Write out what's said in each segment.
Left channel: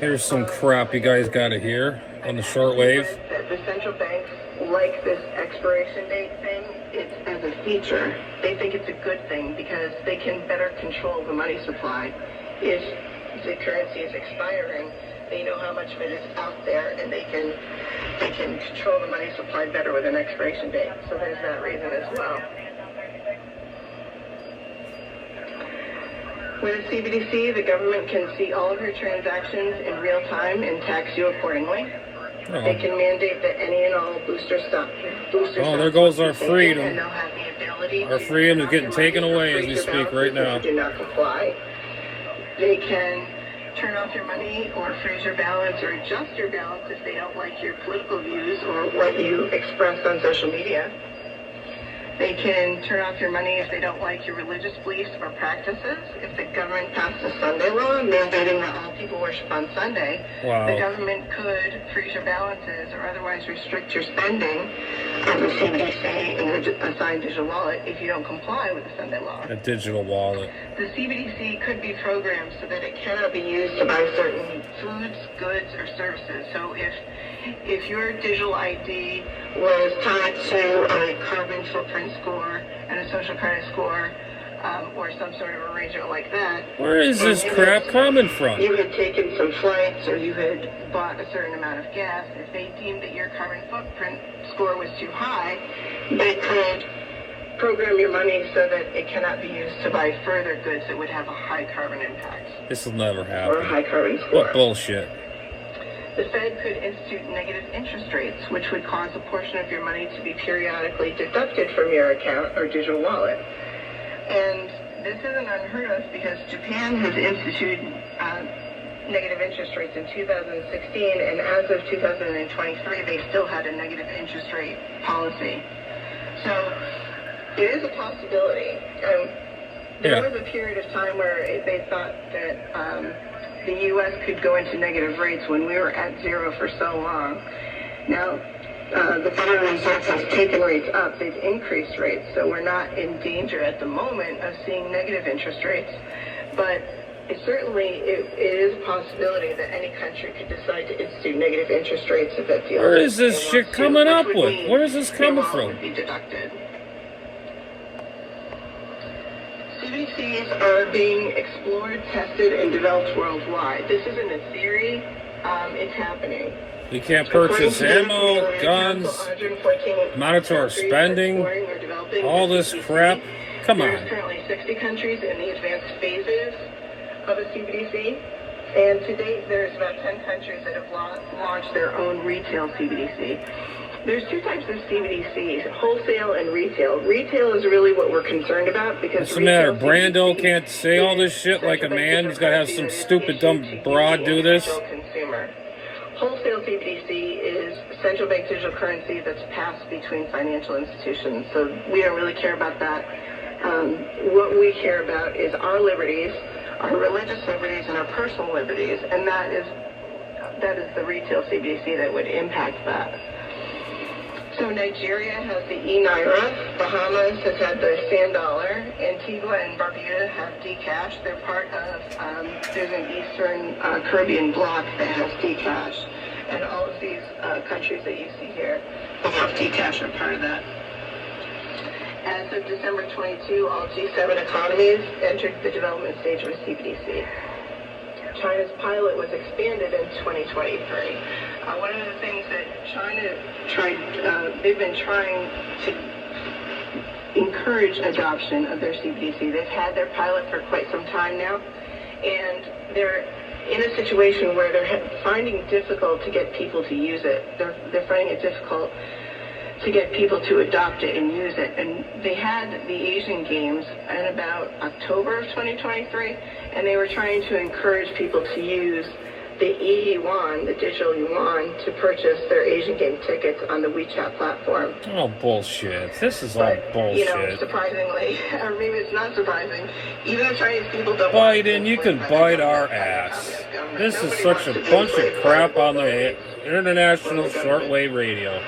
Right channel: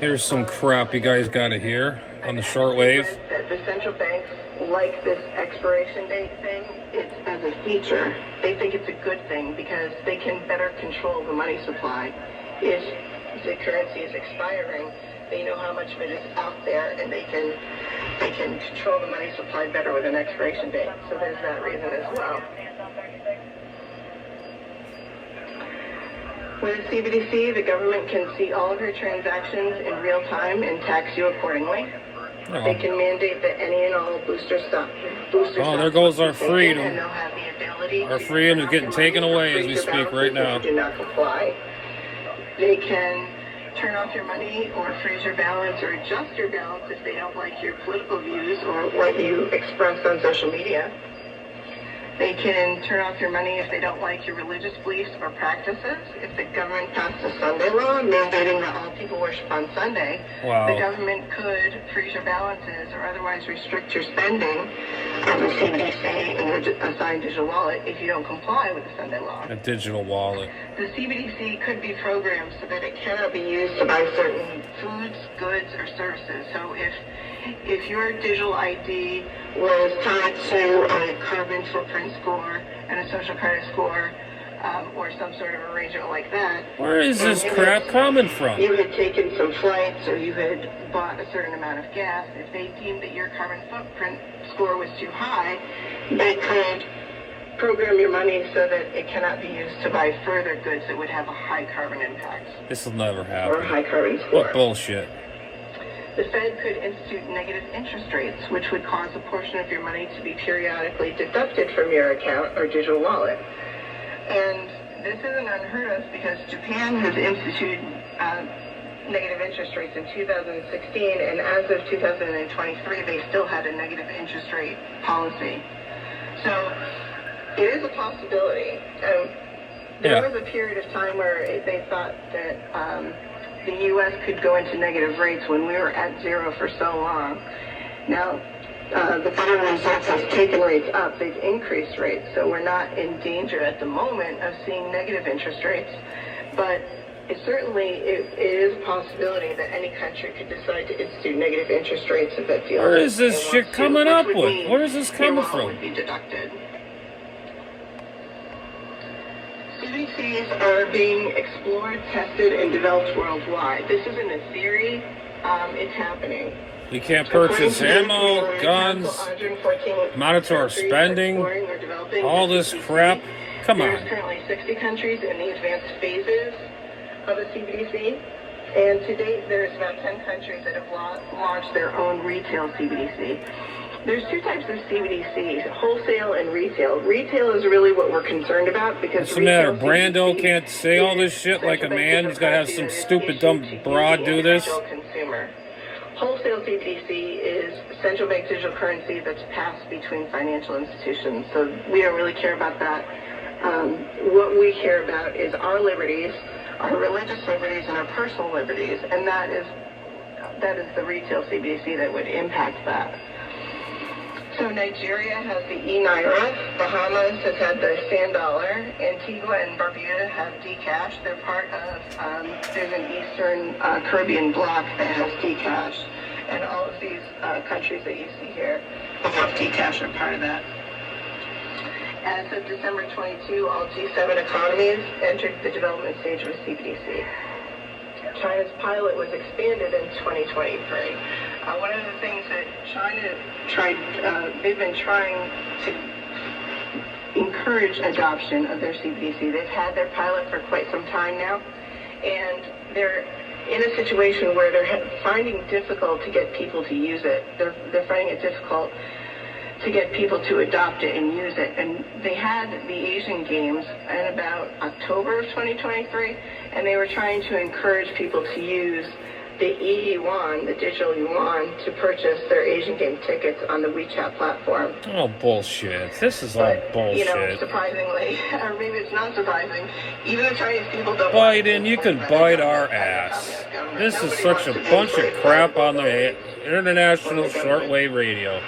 Here's some crap you guys got to hear on the shortwave. The central banks like this expiration date thing. It's as a feature. They think it's a good thing because they can better control the money supply. If the currency is expiring, they know how much of it is out there, and they can control the money supply better with an expiration date. So there's that reason as well. With a CBDC, the government can see all of your transactions in real time and tax you accordingly. Oh. They can mandate that any and all booster stock. Oh, there goes our freedom. And they'll have the ability Our freedom is getting taken away as we speak right now. Do not comply. They can turn off your money or freeze your balance or adjust your balance if they don't like your political views or what you express on social media. They can turn off your money if they don't like your religious beliefs or practices. If the government passed a Sunday law mandating that all people worship on Sunday, the government could freeze your balances or otherwise restrict your spending on the CBDC and your assigned digital wallet if you don't comply with the Sunday law. A digital wallet. The CBDC could be programmed so that it cannot be used to buy certain foods, goods, or services. So if your digital ID was tied to a carbon footprint score and a social credit score, or some sort of arrangement like that. Where is this crap coming from? You had taken some flights or you had bought a certain amount of gas. If they deemed that your carbon footprint score was too high, they could program your money so that it cannot be used to buy further goods that would have a high carbon impact. This will never happen. Or a high carbon score. What bullshit. The Fed could institute negative interest rates, which would cause a portion of your money to be periodically deducted from your account or digital wallet. And this isn't unheard of because Japan has instituted negative interest rates in 2016, and as of 2023, they still had a negative interest rate policy. So it is a possibility. There was a period of time where they thought that the U.S. could go into negative rates when we were at zero for so long. Now, the Federal Reserve has taken rates up. They've increased rates, so we're not in danger at the moment of seeing negative interest rates. But it is a possibility that any country could decide to institute negative interest rates if it feels. Where is this shit coming up with? Where is this coming from? Would be deducted. CBDCs are being explored, tested, and developed worldwide. This isn't a theory. It's happening. We can't purchase ammo, guns, monitor our spending, all this crap. Come on. There's currently 60 countries in the advanced phases of a CBDC, and to date there's about 10 countries that have launched their own retail CBDC. There's two types of CBDCs, wholesale and retail. Retail is really what we're concerned about because what's the matter? Brando can't say all this shit like a man? He's got to have some stupid, dumb broad do this? Consumer. Wholesale CBDC is central bank digital currency that's passed between financial institutions. So we don't really care about that. What we care about is our liberties, our religious liberties, and our personal liberties, and that is the retail CBDC that would impact that. So Nigeria has the e-Naira, Bahamas has had the sand dollar, Antigua and Barbuda have Dcash. They're part of, there's an Eastern Caribbean bloc that has Dcash. And all of these countries that you see here that have Dcash are part of that. As of December 22, all G7 economies entered the development stage of a CBDC. China's pilot was expanded in 2023. One of the things that China they've been trying to encourage adoption of their CBDC. They've had their pilot for quite some time now, and they're in a situation where they're finding it difficult to get people to use it. They're finding it difficult to get people to adopt it and use it. And they had the Asian Games in about October of 2023, and they were trying to encourage people to use the e-yuan, the digital yuan, to purchase their Asian Game tickets on the WeChat platform. Oh, bullshit. This is all bullshit. You know, surprisingly, or maybe it's not surprising, even though Chinese people don't... Biden, you can bite our ass. This is such a bunch of crap on the international shortwave radio.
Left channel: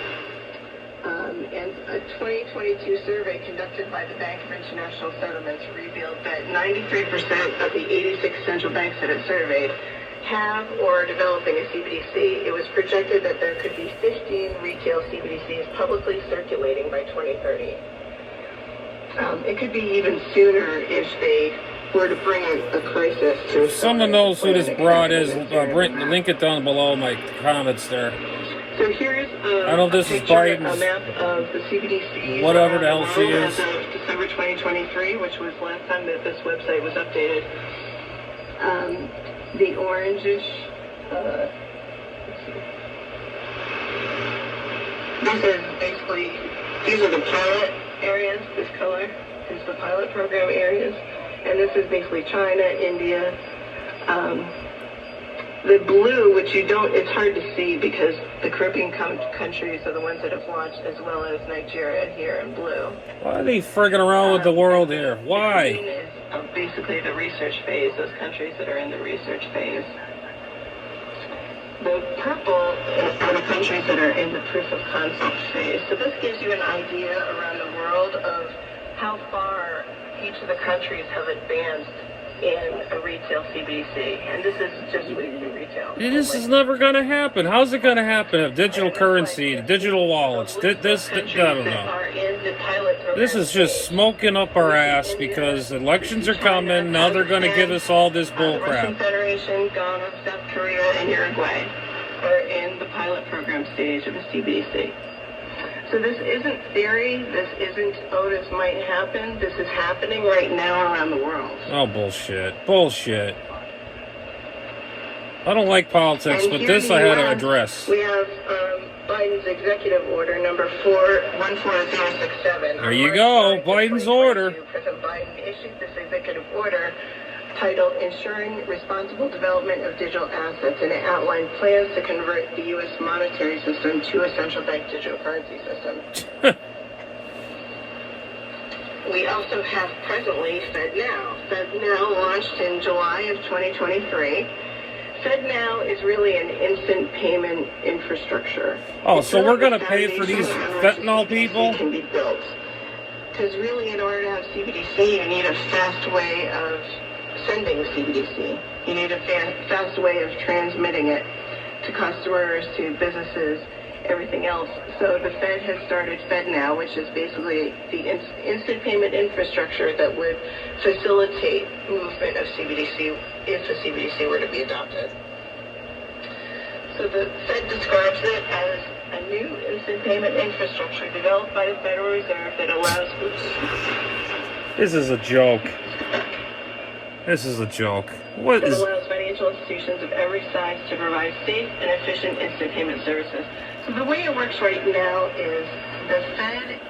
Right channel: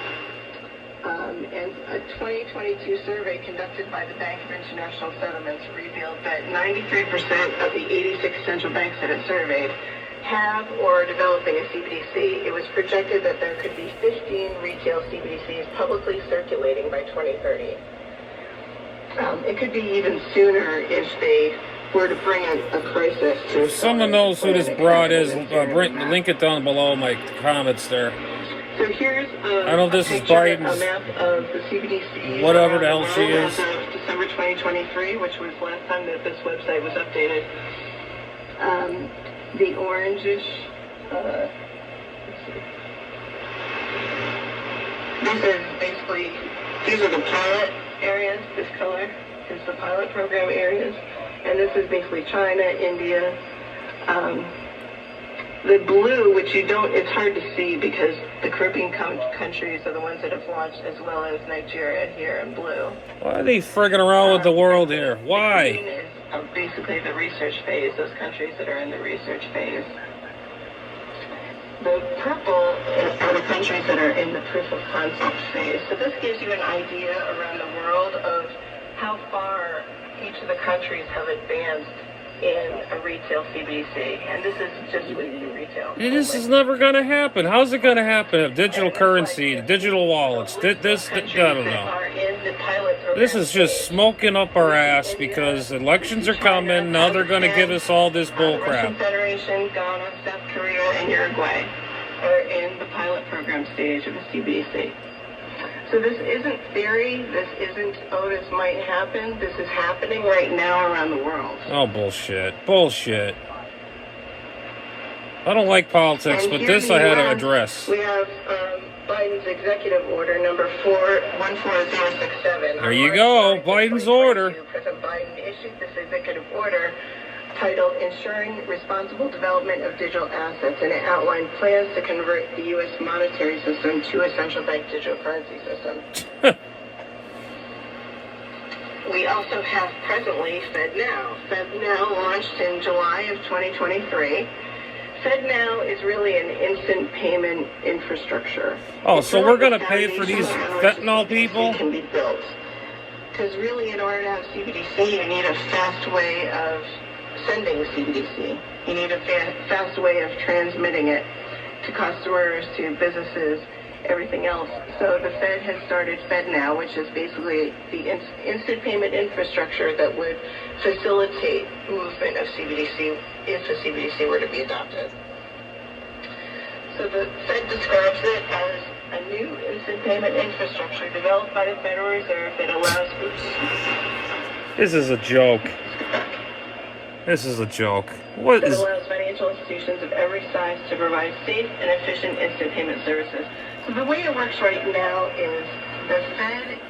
And a 2022 survey conducted by the Bank of International Settlements revealed that 93% of the 86 central banks that it surveyed have or are developing a CBDC, it was projected that there could be 15 retail CBDCs publicly circulating by 2030. It could be even sooner if they were to bring a crisis to... If someone knows who this broad is, link it down below in my comments there. So here's I don't know if this is Biden's, a map of the CBDC. whatever the hell she is. December 2023, which was last time that this website was updated. The orangish, these are the pilot areas, this color is the pilot program areas, and this is basically China, India. The blue, which it's hard to see because the Caribbean countries are the ones that have launched, as well as Nigeria here in blue. Why are they frigging around with the world here? Why? The green is basically the research phase, those countries that are in the research phase. The purple are the countries that are in the proof of concept phase. So this gives you an idea around the world of how far each of the countries have advanced in a retail CBDC, and this is just with retail. This is never going to happen. How's it going to happen? If digital currency, digital wallets, I don't know. This is just smoking up our ass because elections are coming. Now they're going to give us all this bull crap. Russian Federation, Ghana, South Korea, and Uruguay are in the pilot program stage of the CBDC. So this isn't theory, this isn't, oh, this might happen, this is happening right now around the world. Oh, bullshit. Bullshit. I don't like politics, but this I had to address. We have Biden's executive order number 14067. There you go, Biden's order. President Biden issued this executive order titled Ensuring Responsible Development of Digital Assets, and it outlined plans to convert the U.S. monetary system to a central bank digital currency system. We also have presently FedNow. FedNow launched in July of 2023. FedNow is really an instant payment infrastructure. Oh, so we're going to pay for these fentanyl people? Can be built. Because really, in order to have CBDC, you need a fast way of sending CBDC. You need a fast way of transmitting it to customers, to businesses, everything else. So the Fed has started FedNow, which is basically the instant payment infrastructure that would facilitate movement of CBDC if the CBDC were to be adopted. So the Fed describes it as a new instant payment infrastructure developed by the Federal Reserve that allows... This is a joke. This is a joke. What is... It allows financial institutions of every size to provide safe and efficient instant payment services. So the way it works right now is the Fed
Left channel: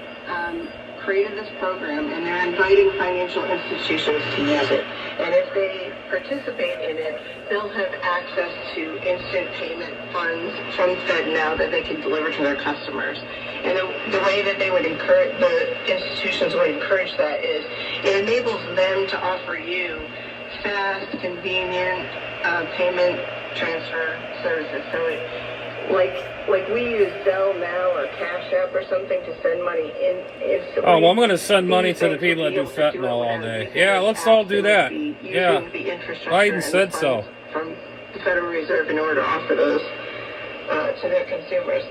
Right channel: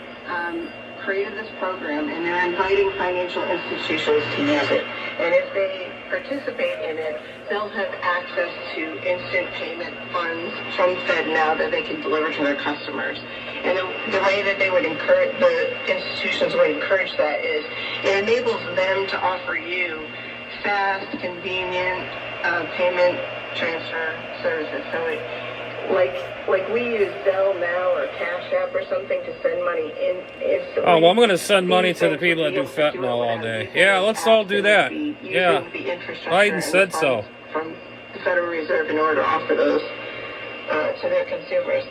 created this program, and they're inviting financial institutions to use it. And if they participate in it, they'll have access to instant payment funds from FedNow that they can deliver to their customers. And the way that they would encourage, the institutions would encourage that is it enables them to offer you fast, convenient payment transfer services. So like we use Zelle now or Cash App or something to send money instantly. Oh, well, I'm going to send money to the people that do fentanyl all day. Yeah, let's all do that. Yeah, Biden said so. From the Federal Reserve in order to offer those to their consumers.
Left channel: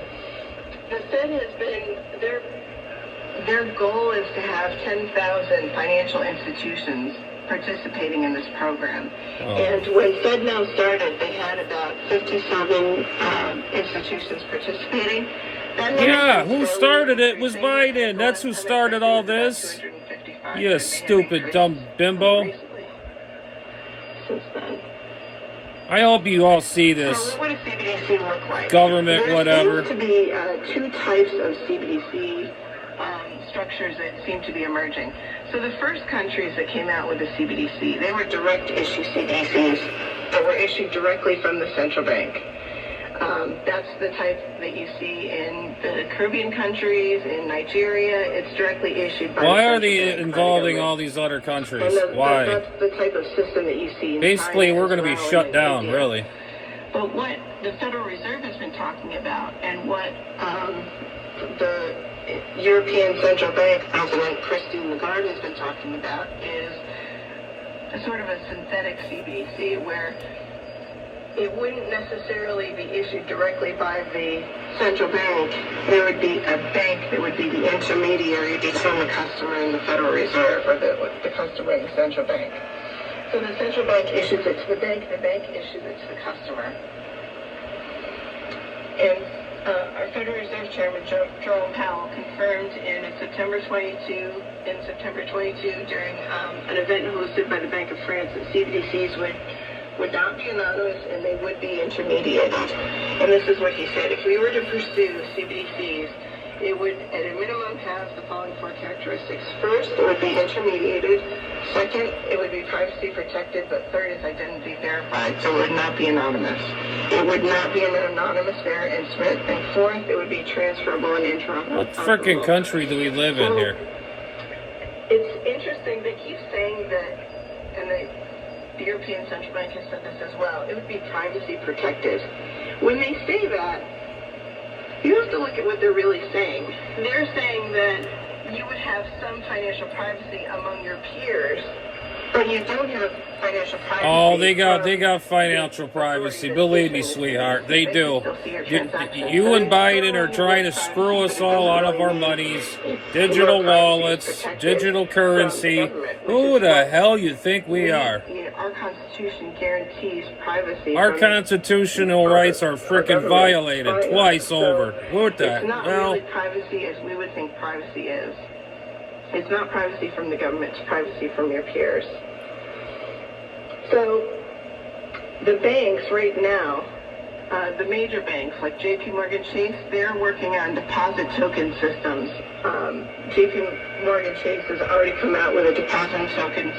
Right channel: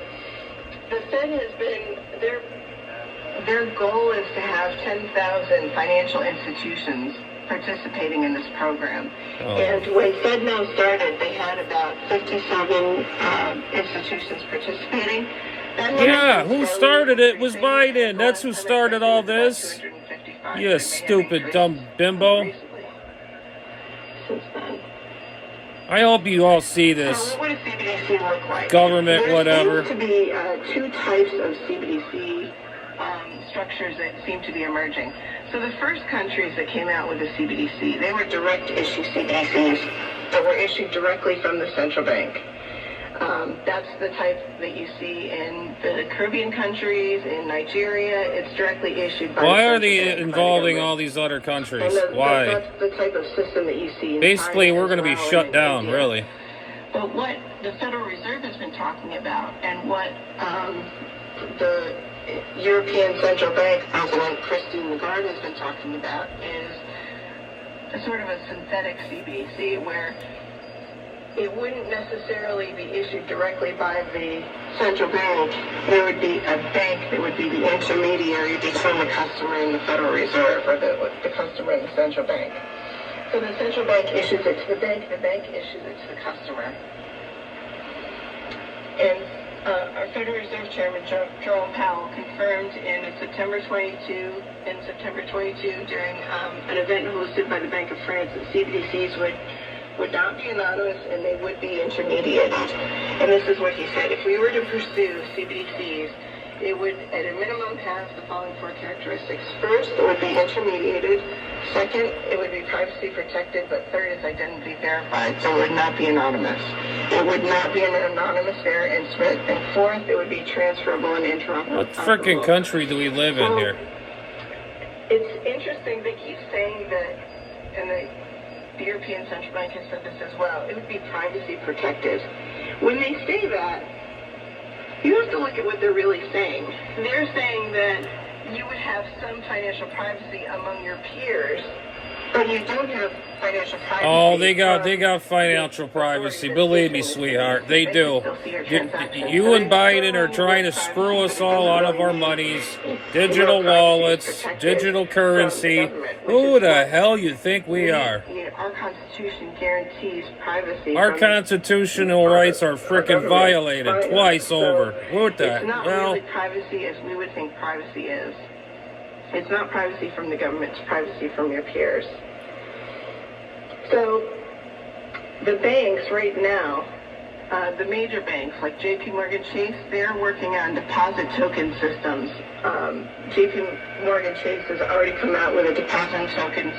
The Fed has been, their goal is to have 10,000 financial institutions participating in this program. Oh. And when FedNow started, they had about 57 institutions participating. Yeah, who started it was Biden. That's who started all this. You stupid, dumb bimbo. I hope you all see this. What does CBDC look like? Government, whatever. There seems to be two types of CBDC structures that seem to be emerging. So the first countries that came out with the CBDC, they were direct issue CBDCs that were issued directly from the central bank. That's the type that you see in the Caribbean countries, in Nigeria. It's directly issued by... Why are they involving all these other countries? Why? That's the type of system that you see. Basically, we're going to be shut down, really. But what the Federal Reserve has been talking about, and what the European Central Bank President Christine Lagarde has been talking about, is a sort of a synthetic CBDC where it wouldn't necessarily be issued directly by the central bank. There would be a bank that would be the intermediary between the customer and the Federal Reserve, or the customer and the central bank. So the central bank issues it to the bank issues it to the customer. And our Federal Reserve Chairman, Jerome Powell, confirmed in September 22 during an event hosted by the Bank of France that CBDCs would not be anonymous and they would be intermediated. And this is what he said: if we were to pursue CBDCs, it would at a minimum have the following four characteristics. First, it would be intermediated. Second, it would be privacy protected. But third is identity verified, so it would not be anonymous. It would not be an anonymous bearer instrument. And fourth, it would be transferable and interoperable. What freaking country do we live in here? It's interesting they keep saying that, and the European Central Bank has said this as well, it would be privacy protected. When they say that, you have to look at what they're really saying. They're saying that you would have some financial privacy among your peers, but you don't have financial privacy. Oh, they got financial privacy. Believe me, sweetheart, they do. You and Biden are trying to screw us all out of our monies. Digital wallets, digital currency. Who the hell you think we are? Our Constitution guarantees privacy. Our constitutional rights are frickin' violated twice over. What the hell? It's not really privacy as we would think privacy is. It's not privacy from the government, it's privacy from your peers. So, the banks right now, the major banks like JP Morgan Chase, they're working on deposit token systems. JP Morgan Chase has already come out with a deposit token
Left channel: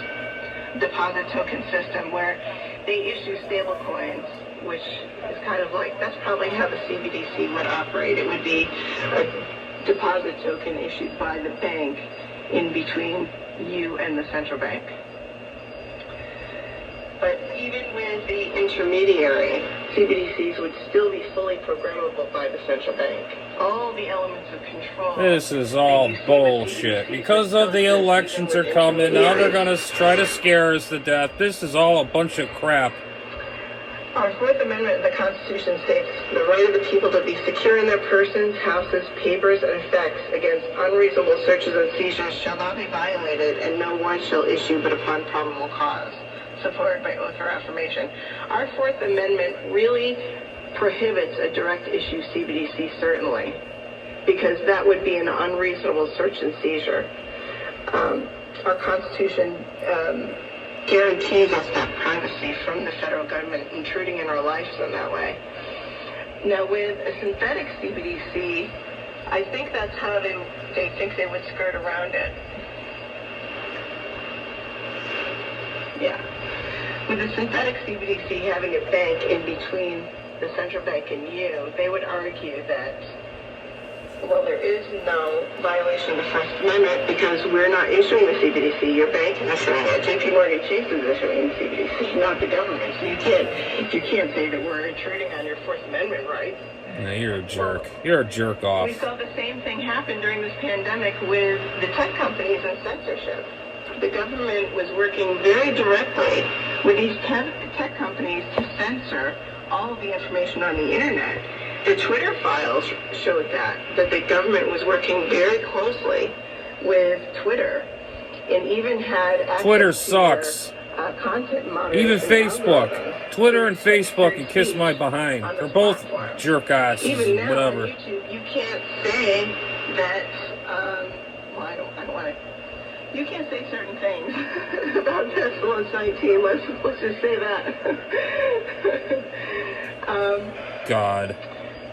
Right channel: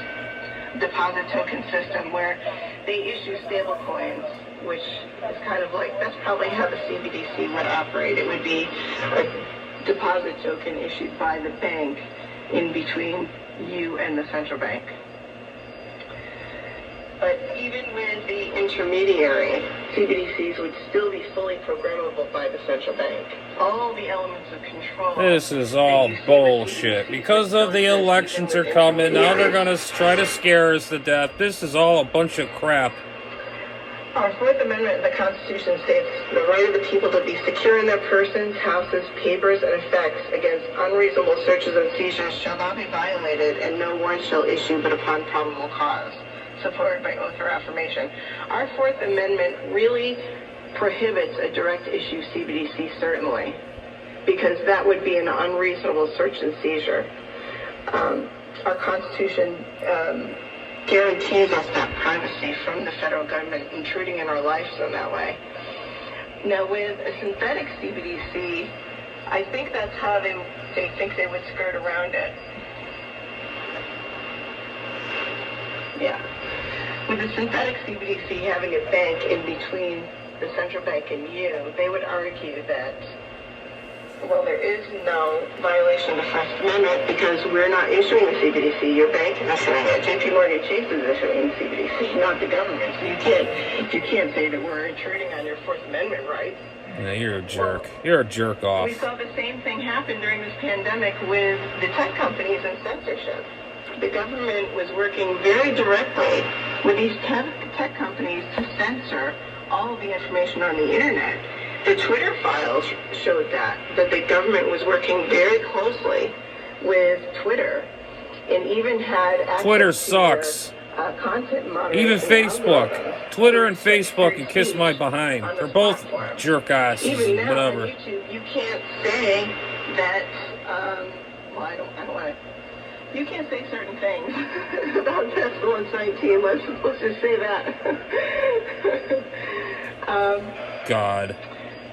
system where they issue stable coins, which is kind of like, that's probably how the CBDC would operate. It would be a deposit token issued by the bank in between you and the central bank. But even with the intermediary, CBDCs would still be fully programmable by the central bank. All the elements of control. This is all bullshit. Because of the elections are coming, now they're going to try to scare us to death. This is all a bunch of crap. Our Fourth Amendment of the Constitution states the right of the people to be secure in their persons, houses, papers, and effects against unreasonable searches and seizures shall not be violated, and no warrant shall issue but upon probable cause. Supported by oath or affirmation. Our Fourth Amendment really prohibits a direct issue CBDC, certainly, because that would be an unreasonable search and seizure. Our Constitution guarantees us that privacy from the federal government intruding in our lives in that way. Now, with a synthetic CBDC, I think that's how they think they would skirt around it. Yeah. With a synthetic CBDC having a bank in between the central bank and you, they would argue that, well, there is no violation of the First Amendment because we're not issuing the CBDC. Your bank is issuing it. JP Morgan Chase is issuing the CBDC, not the government. So you can't say that we're intruding on your Fourth Amendment right. Yeah, you're a jerk. You're a jerk off. We saw the same thing happen during this pandemic with the tech companies and censorship. The government was working very directly with these tech companies to censor all of the information on the internet. The Twitter files showed that the government was working very closely with Twitter and even had Twitter sucks. Content moderation. Even Facebook. Twitter and Facebook can kiss my behind. They're both jerk asses, even now whatever. On YouTube, you can't say that, well, I don't want to. You can't say certain things about pestilence 19. Let's just say that. God.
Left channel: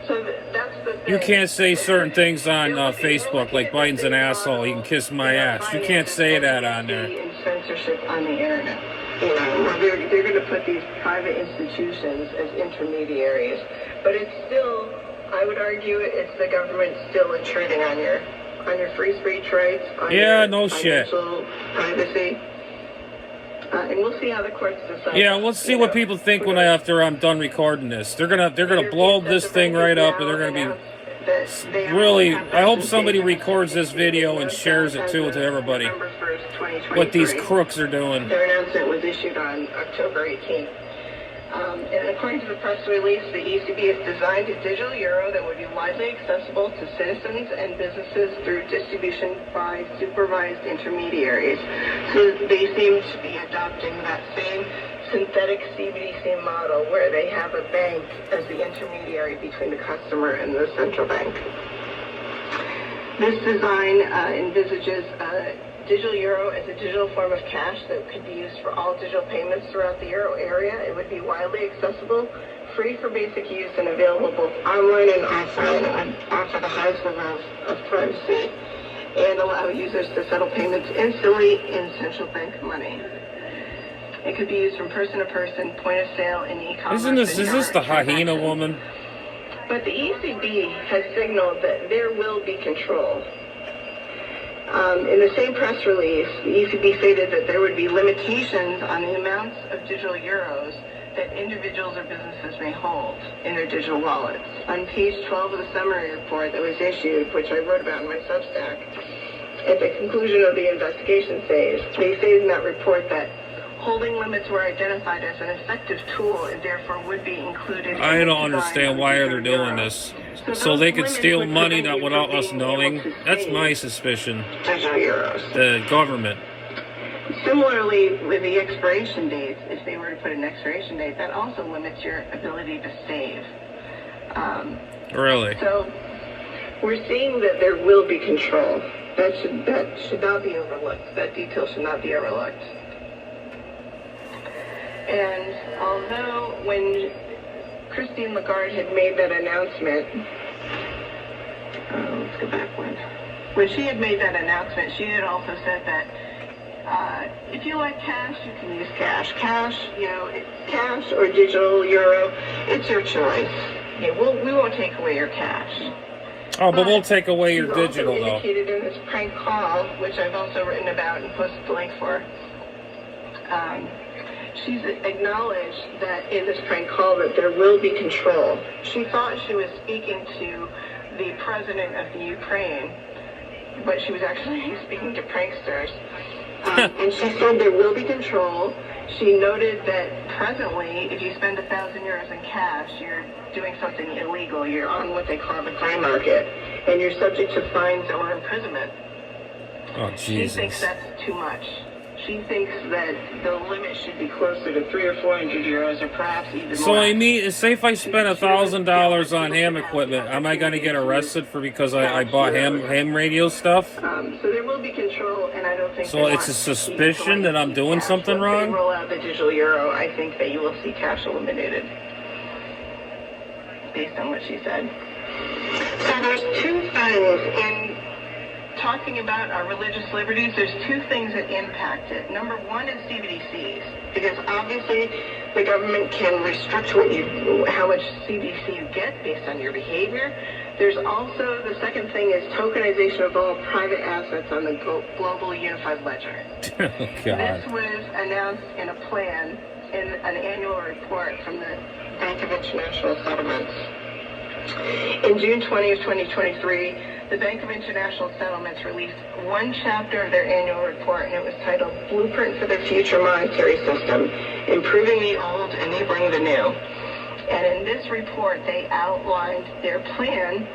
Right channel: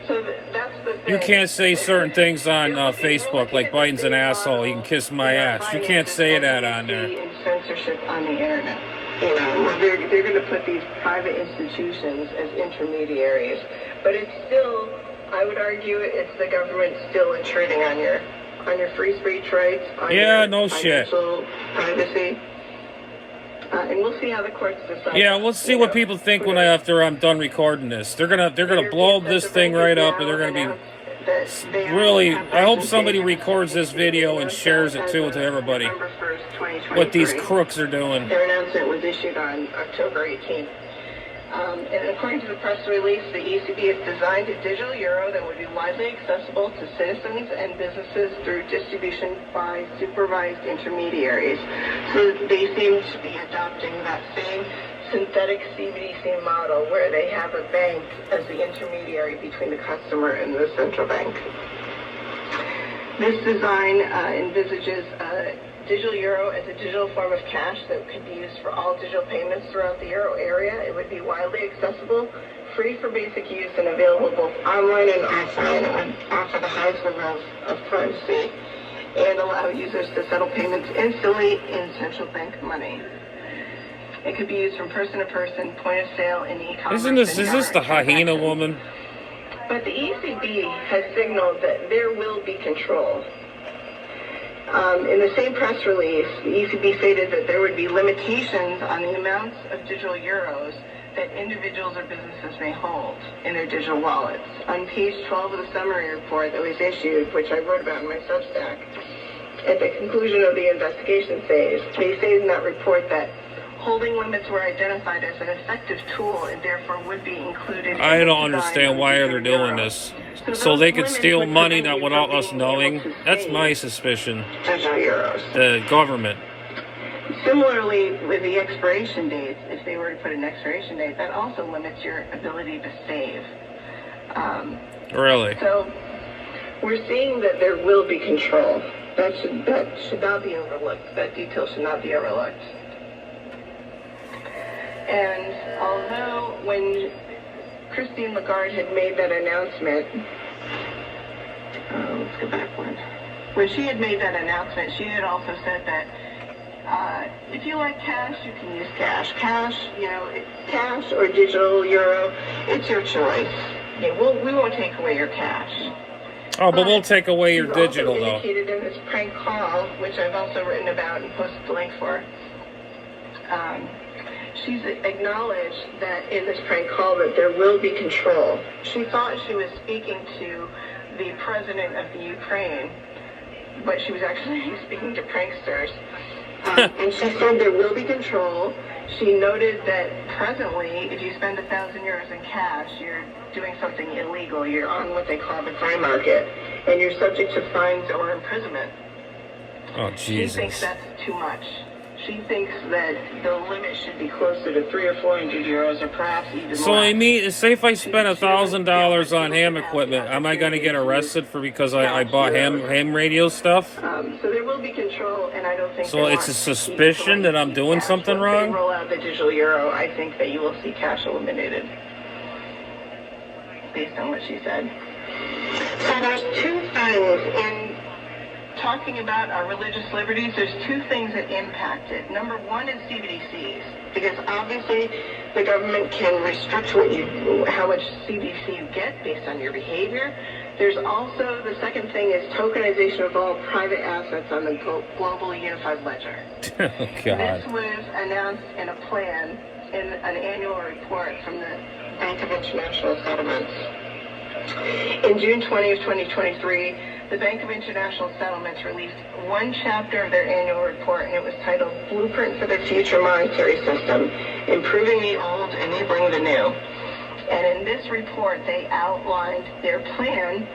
So that's the thing. You can't say certain things on Facebook, like Biden's an asshole. He can kiss my ass. You can't say that on there. Censorship on the internet. You know, they're going to put these private institutions as intermediaries, but it's still, I would argue, it's the government still intruding on your free speech rights, on yeah, your no shit. privacy. And we'll see how the courts decide. Yeah, let's see what people think after I'm done recording this. They're gonna blow this thing right up, and they're gonna be really. I hope somebody records this video and shares it too to everybody. What these crooks are doing. Their announcement was issued on October 18th. And according to the press release, the ECB has designed a digital euro that would be widely accessible to citizens and businesses through distribution by supervised intermediaries. So they seem to be adopting that same synthetic CBDC model where they have a bank as the intermediary between the customer and the central bank. This design envisages digital euro as a digital form of cash that could be used for all digital payments throughout the euro area. It would be widely accessible, free for basic use, and available both online and offline, and offer the highest level of privacy, and allow users to settle payments instantly in central bank money. It could be used from person to person, point of sale, and e-commerce. Is this the hyena woman? But the ECB has signaled that there will be control. In the same press release, the ECB stated that there would be limitations on the amounts of digital euros that individuals or businesses may hold in their digital wallets. On page 12 of the summary report that was issued, which I wrote about in my Substack, at the conclusion of the investigation phase, they stated in that report that holding limits were identified as an effective tool and therefore would be included. I don't understand why they're doing this. So they could steal money that without us knowing? That's my suspicion. The government. Similarly, with the expiration dates, if they were to put an expiration date, that also limits your ability to save. Really? So we're seeing that there will be control. That should not be overlooked. That detail should not be overlooked. And although when Christine Lagarde had made that announcement, let's go back one. When she had made that announcement, she had also said that if you like cash, you can use cash. Cash or digital euro, it's your choice. Yeah, we won't take away your cash. Oh, but we'll take away your digital, though. Indicated in this prank call, which I've also written about and posted the link for. She's acknowledged that in this prank call that there will be control. She thought she was speaking to the president of the Ukraine, but she was actually speaking to pranksters. And she said there will be control. She noted that presently, if you spend 1,000 euros in cash, you're doing something illegal. You're on what they call the crime market, and you're subject to fines or imprisonment. Oh, Jesus. She thinks that's too much. She thinks that the limit should be closer to 300 or 400 euros, or perhaps even more. So I mean, say if I spend $1,000 on ham equipment, am I going to get arrested for because I bought ham radio stuff? So there will be control, and I don't think. So it's a suspicion that I'm doing something wrong? If they roll out the digital euro, I think that you will see cash eliminated, based on what she said. So there's two things in talking about our religious liberties. There's two things that impact it. Number one is CBDCs, because obviously the government can restrict how much CBDC you get based on your behavior. There's also, the second thing is tokenization of all private assets on the global unified ledger. Oh, God. This was announced in a plan in an annual report from the Bank of International Settlements. In June 20 of 2023, the Bank of International Settlements released one chapter of their annual report, and it was titled Blueprint for the Future Monetary System, Improving the Old, Enabling the New. And in this report, they outlined their plan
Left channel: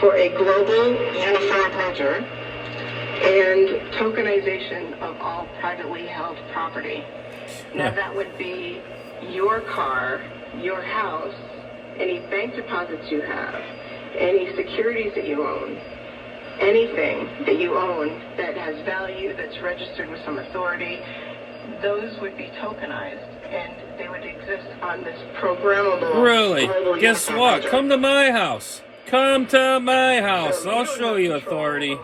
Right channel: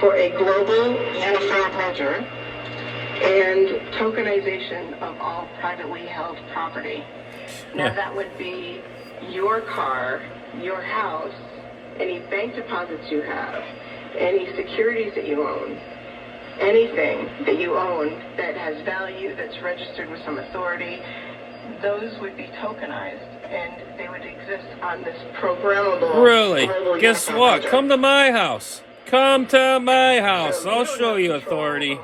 for a global unified ledger and tokenization of all privately held property. Now, that would be your car, your house, any bank deposits you have, any securities that you own, anything that you own that has value, that's registered with some authority, those would be tokenized, and they would exist on this programmable. Really? Guess what? Come to my house. Come to my house. I'll show you authority.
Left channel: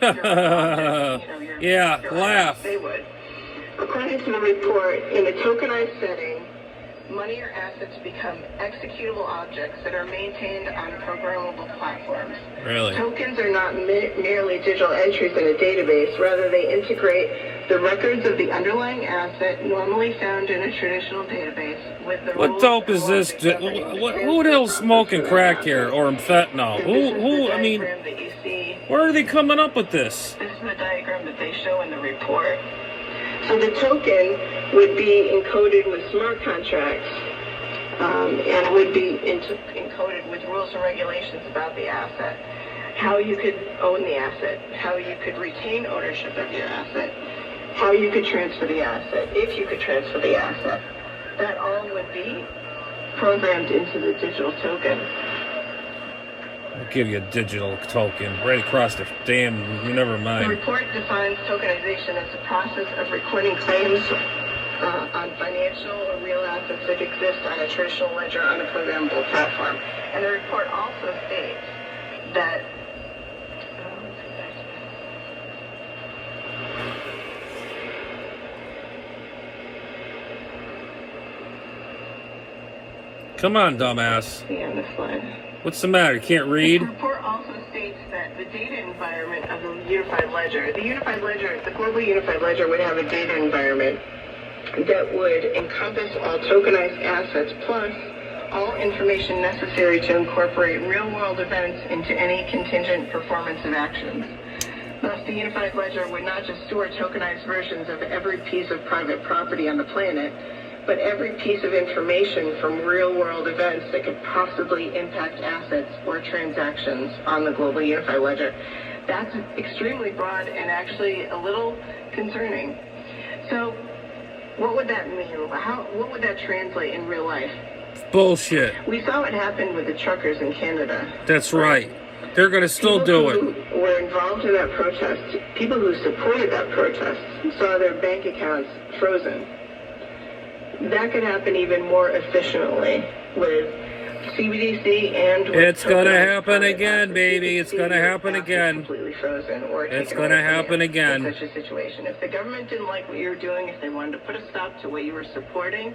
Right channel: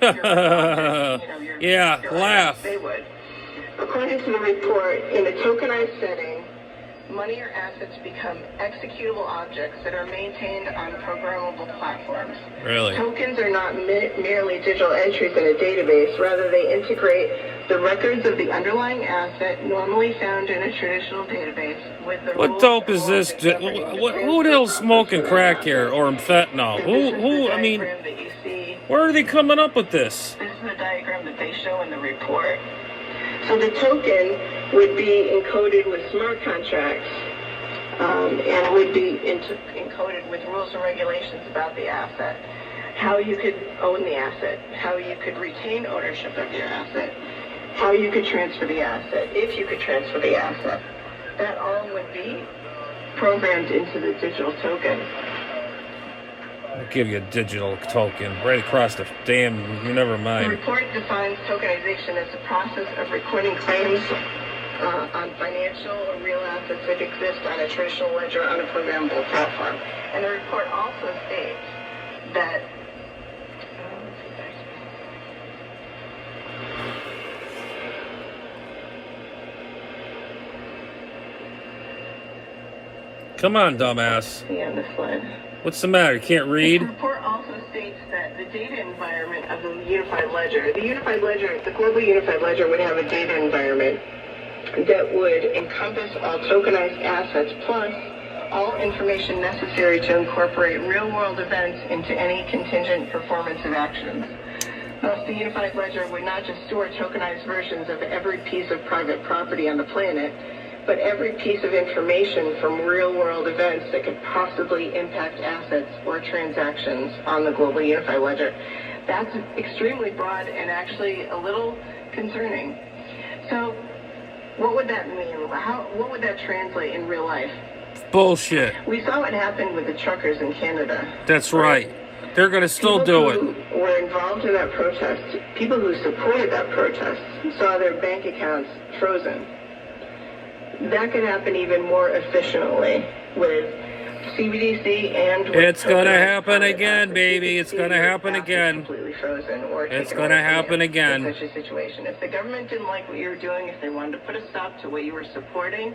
Yeah, laugh. They would. According to the report, in a tokenized setting, money or assets become executable objects that are maintained on programmable platforms. Really? Tokens are not merely digital entries in a database. Rather, they integrate the records of the underlying asset normally found in a traditional database with the What dope is this? Who the hell's smoking crack here or fentanyl? Who? I mean, where are they coming up with this? This is the diagram that they show in the report. So the token would be encoded with smart contracts, and would be encoded with rules and regulations about the asset, how you could own the asset, how you could retain ownership of your asset, how you could transfer the asset, if you could transfer the asset. That all would be programmed into the digital token. I'll give you a digital token right across the damn. Never The mind. report defines tokenization as the process of recording claims on financial or real assets that exist on a traditional ledger on a programmable platform. And the report also states that Come on, dumbass. the end of slide. What's the matter? You can't read? The report also states that the data environment of the unified ledger, the global unified ledger would have a data environment that would encompass all tokenized assets plus all information necessary to incorporate real-world events into any contingent performance of actions. Thus, the unified ledger would not just store tokenized versions of every piece of private property on the planet, but every piece of information from real-world events that could possibly impact assets or transactions on the global unified ledger. That's extremely broad and actually a little concerning. So, what would that mean? What would that translate in real life? Bullshit. We saw what happened with the truckers in Canada. That's right. They're going to still do it. People who were involved in that protest, people who supported that protest, saw their bank accounts frozen. That could happen even more efficiently with CBDC and with It's going to happen again, baby. It's going to happen again. Completely frozen or It's going to happen again. Such a situation. If the government didn't like what you were doing, if they wanted to put a stop to what you were supporting,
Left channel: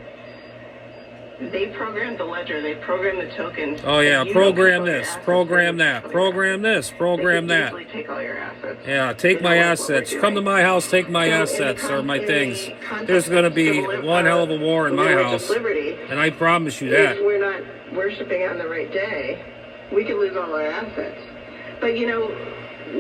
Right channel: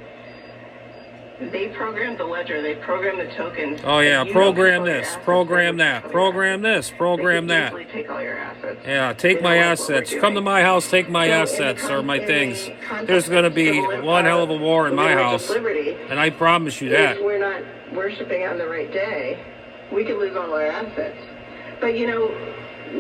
they programmed the ledger. They programmed the tokens. Oh, yeah. Program this. Program that. Program this. Program that. They take all your assets. Yeah, take my assets. Come to my house, take my assets or my things. There's going to be one hell of a war in my house. And I promise you that. If we're not worshiping on the right day, we could lose all our assets. But, you know,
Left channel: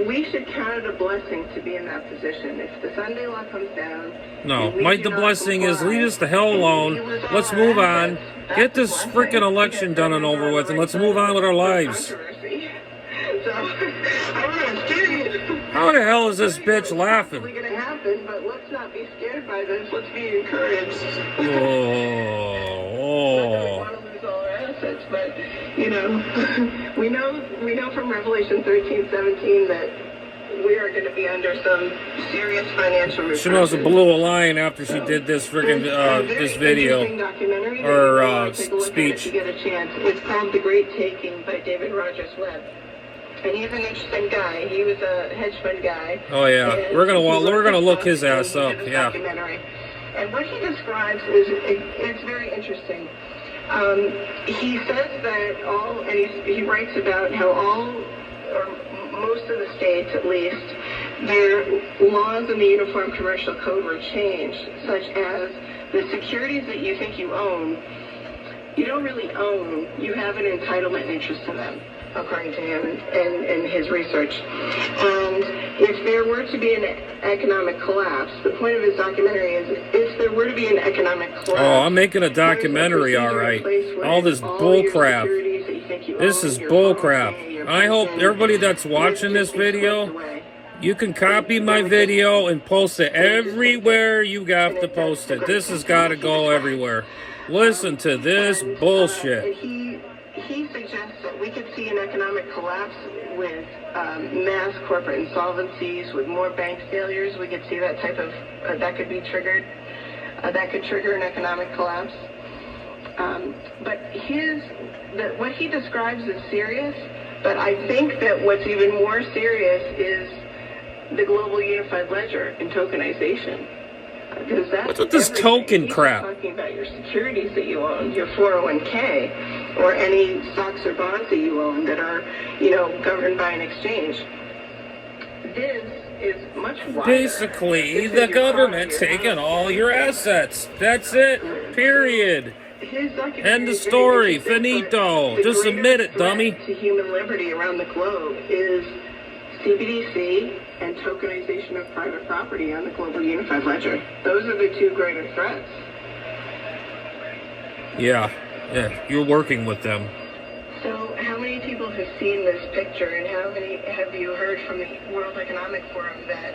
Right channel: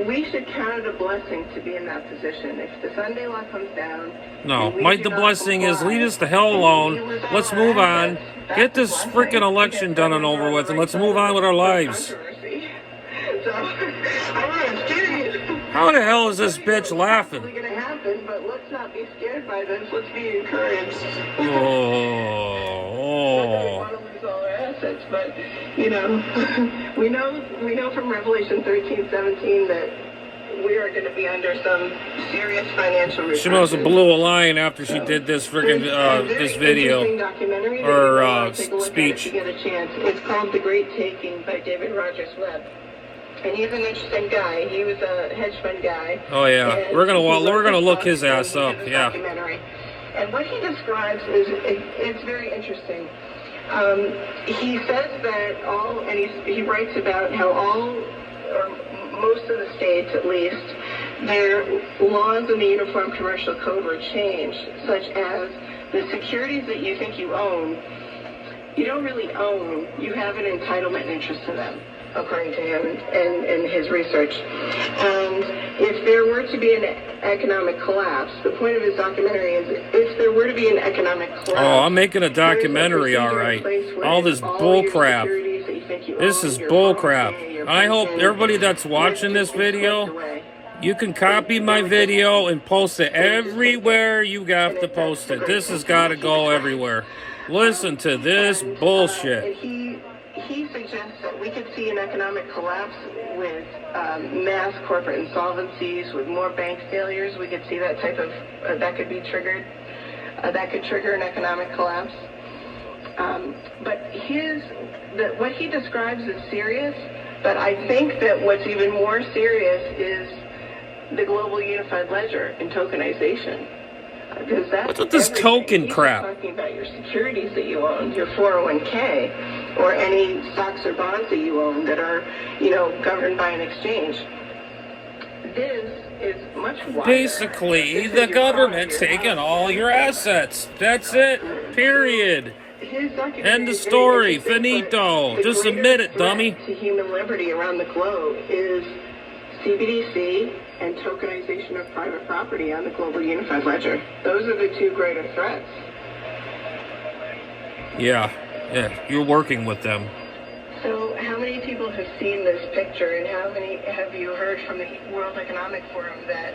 we should count it a blessing to be in that position. If the Sunday law comes down... No, the blessing is leave us the hell alone. Let's move on. Get this freaking election done and over with, and let's move on with our lives. So, I'm serious. How the hell is this bitch laughing? It's going to happen, but let's not be scared by this. Let's be encouraged. Oh. Want to lose all our assets, but you know, we know from Revelation 13:17 that we are going to be under some serious financial repercussions. She must have blew a line after she did this freaking this video or speech. If you get a chance, it's called The Great Taking by David Rogers Webb. And he's an interesting guy. He was a hedge fund guy. Oh yeah, we're gonna look his ass up. Yeah. And what he describes is it's very interesting. He says that he writes about how all, or most of the states at least, their laws in the Uniform Commercial Code were changed, such as the securities that you think you own, you don't really own. You have an entitlement and interest in them, according to him and his research. And if there were to be an economic collapse, the point of his documentary is if there were to be an economic collapse... Oh, I'm making a documentary, all right. All this bull crap. This is bull crap. I hope everybody that's watching this video, you can copy my video and post it everywhere you have to post it. This has got to go everywhere. Listen to this bullshit. He suggests that we could see an economic collapse with mass corporate insolvencies, with more bank failures. We could see that type of, that could be triggered, that could trigger an economic collapse. But what he describes is serious, but I think that what's even more serious is the global unified ledger and tokenization. What's with this token crap? Talking about your securities that you own, your 401k, or any stocks or bonds that you own that are, governed by an exchange. This is much wider. Basically, the government's taking all your assets. That's it. Period. End of story. Finito. Just admit it, dummy. To human liberty around the globe is CBDC and tokenization of private property on the global unified ledger. Those are the two greater threats. Yeah. Yeah, you're working with them. So how many people have seen this picture, and how many have you heard from the World Economic Forum that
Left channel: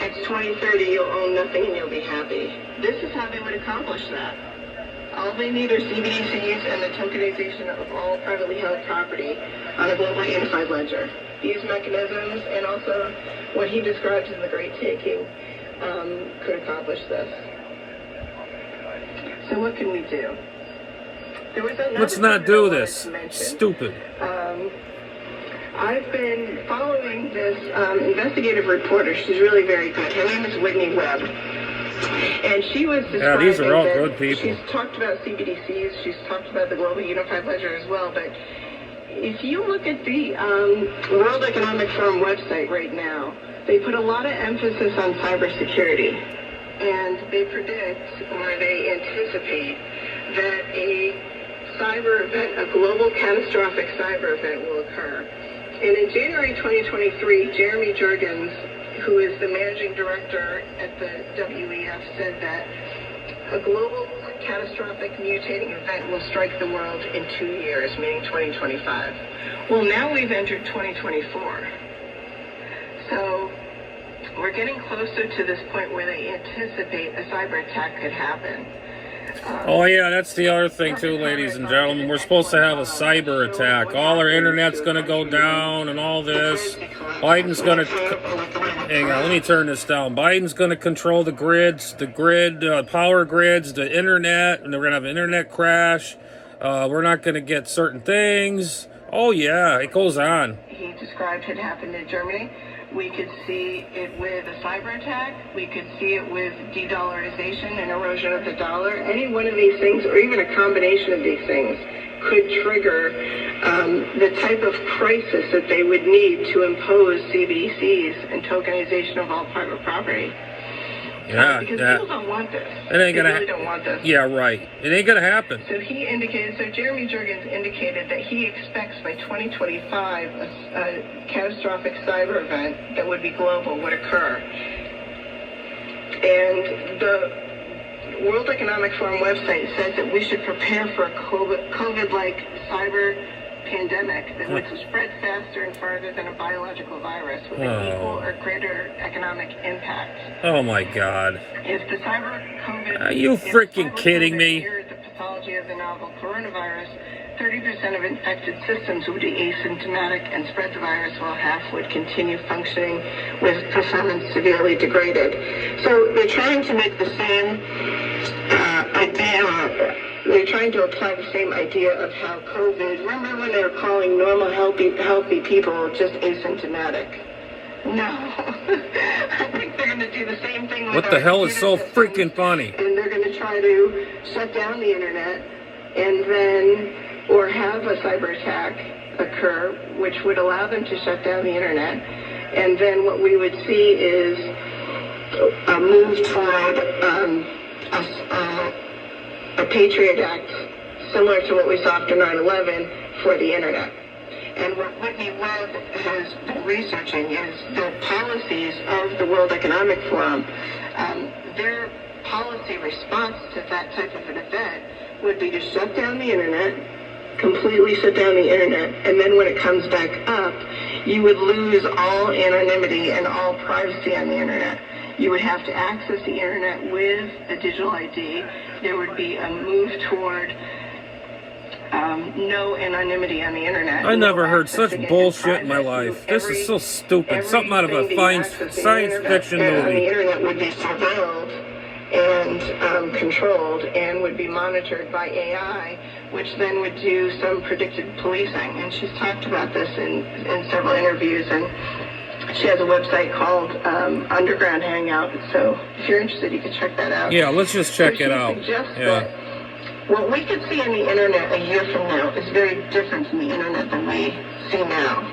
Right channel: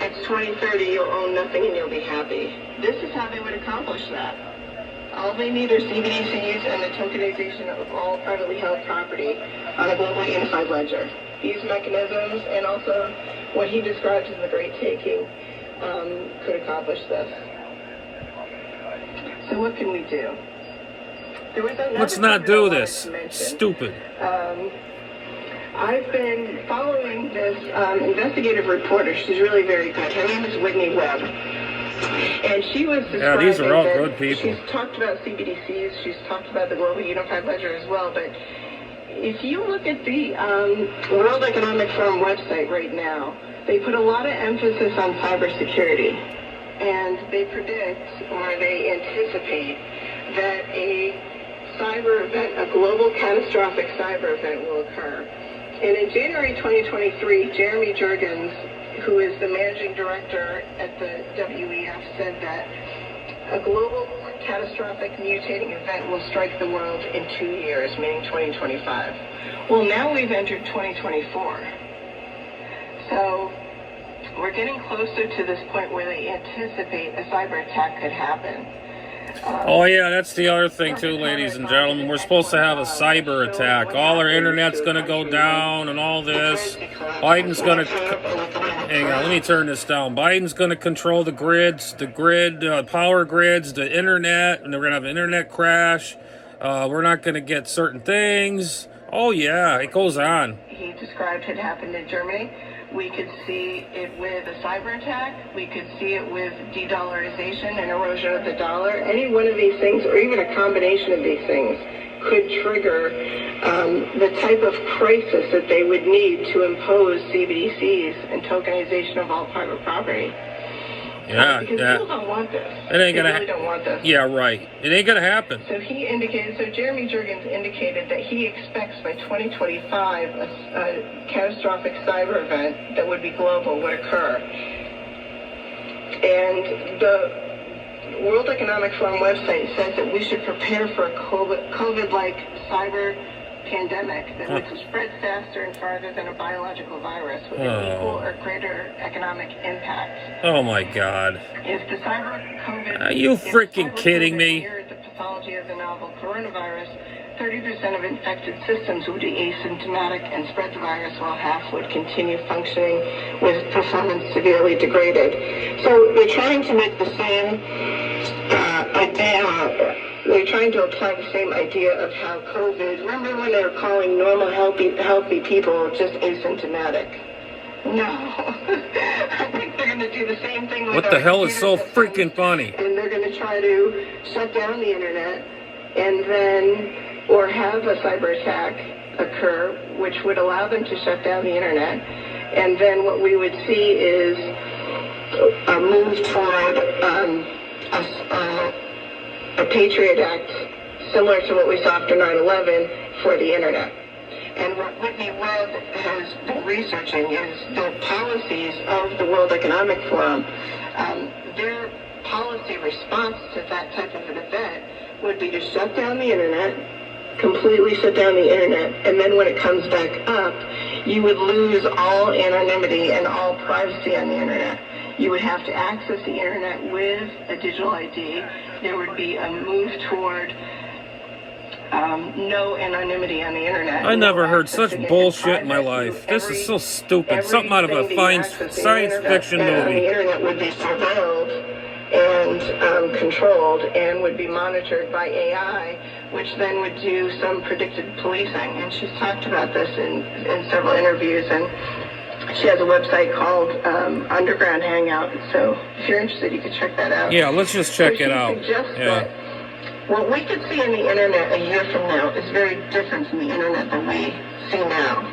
it's 2030, you'll own nothing and you'll be happy? This is how they would accomplish that. All they need are CBDCs and the tokenization of all privately held property on a globally unified ledger. These mechanisms, and also what he describes as the Great Taking, could accomplish this. So what can we do? Let's not do this. Stupid. I've been following this investigative reporter. She's really very good. Her name is Whitney Webb. And she was describing these are all good people. She's talked about CBDCs. She's talked about the Global Unified Ledger as well. But if you look at the World Economic Forum website right now, they put a lot of emphasis on cybersecurity. And they predict, or they anticipate, that a cyber event, a global catastrophic cyber event will occur. And in January 2023, Jeremy Jurgens, who is the managing director at the WEF, said that a global catastrophic mutating event will strike the world in 2 years, meaning 2025. Well, now we've entered 2024. So we're getting closer to this point where they anticipate a cyber attack could happen. Oh yeah, that's the other thing too, ladies and gentlemen. We're supposed to have a cyber attack. All our internet's going to go down and all this. Biden's going to... Hang on, let me turn this down. Biden's going to control the grids, power grids, the internet, and we're going to have an internet crash. We're not going to get certain things. Oh yeah, it goes on. He described it happened in Germany. We could see it with a cyber attack. We could see it with de-dollarization and erosion of the dollar. Any one of these things, or even a combination of these things, could trigger the type of crisis that they would need to impose CBDCs and tokenization of all private property. Yeah, because people don't want this. It ain't gonna. They really don't want this. Yeah, right. It ain't gonna happen. So Jeremy Jurgens indicated that he expects by 2025 a catastrophic cyber event that would be global would occur. And the World Economic Forum website says that we should prepare for a COVID-like cyber pandemic that would spread faster and farther than a biological virus with an equal or greater economic impact. Oh my God. If the cyber COVID... Are you freaking kidding me? Mirrored the pathology of the novel coronavirus, 30% of infected systems would be asymptomatic and spread the virus, while half would continue functioning with performance severely degraded. So they're trying to make the same idea... They're trying to apply the same idea of how COVID... Remember when they were calling normal, healthy people just asymptomatic? No. I think they're going to do the same thing with... What the hell is so freaking funny? And they're going to try to shut down the internet and then... or have a cyber attack occur, which would allow them to shut down the internet. And then what we would see is a move toward a Patriot Act, similar to what we saw after 9/11 for the internet. And what Whitney Webb has been researching is the policies of the World Economic Forum. Their policy response to that type of an event would be to shut down the internet, completely shut down the internet, and then when it comes back up, you would lose all anonymity and all privacy on the internet. You would have to access the internet with a digital ID. There would be a move toward no anonymity on the internet. I never heard such bullshit in my life. This is so stupid. Something out of a science fiction movie. The internet would be surveilled and controlled and would be monitored by AI, which then would do some predicted policing. And she's talked about this in several interviews, and she has a website called Underground Hangout. So if you're interested, you can check that out. Yeah, let's just check it out. Yeah. What we could see on the internet a year from now is very different from the internet than we see now.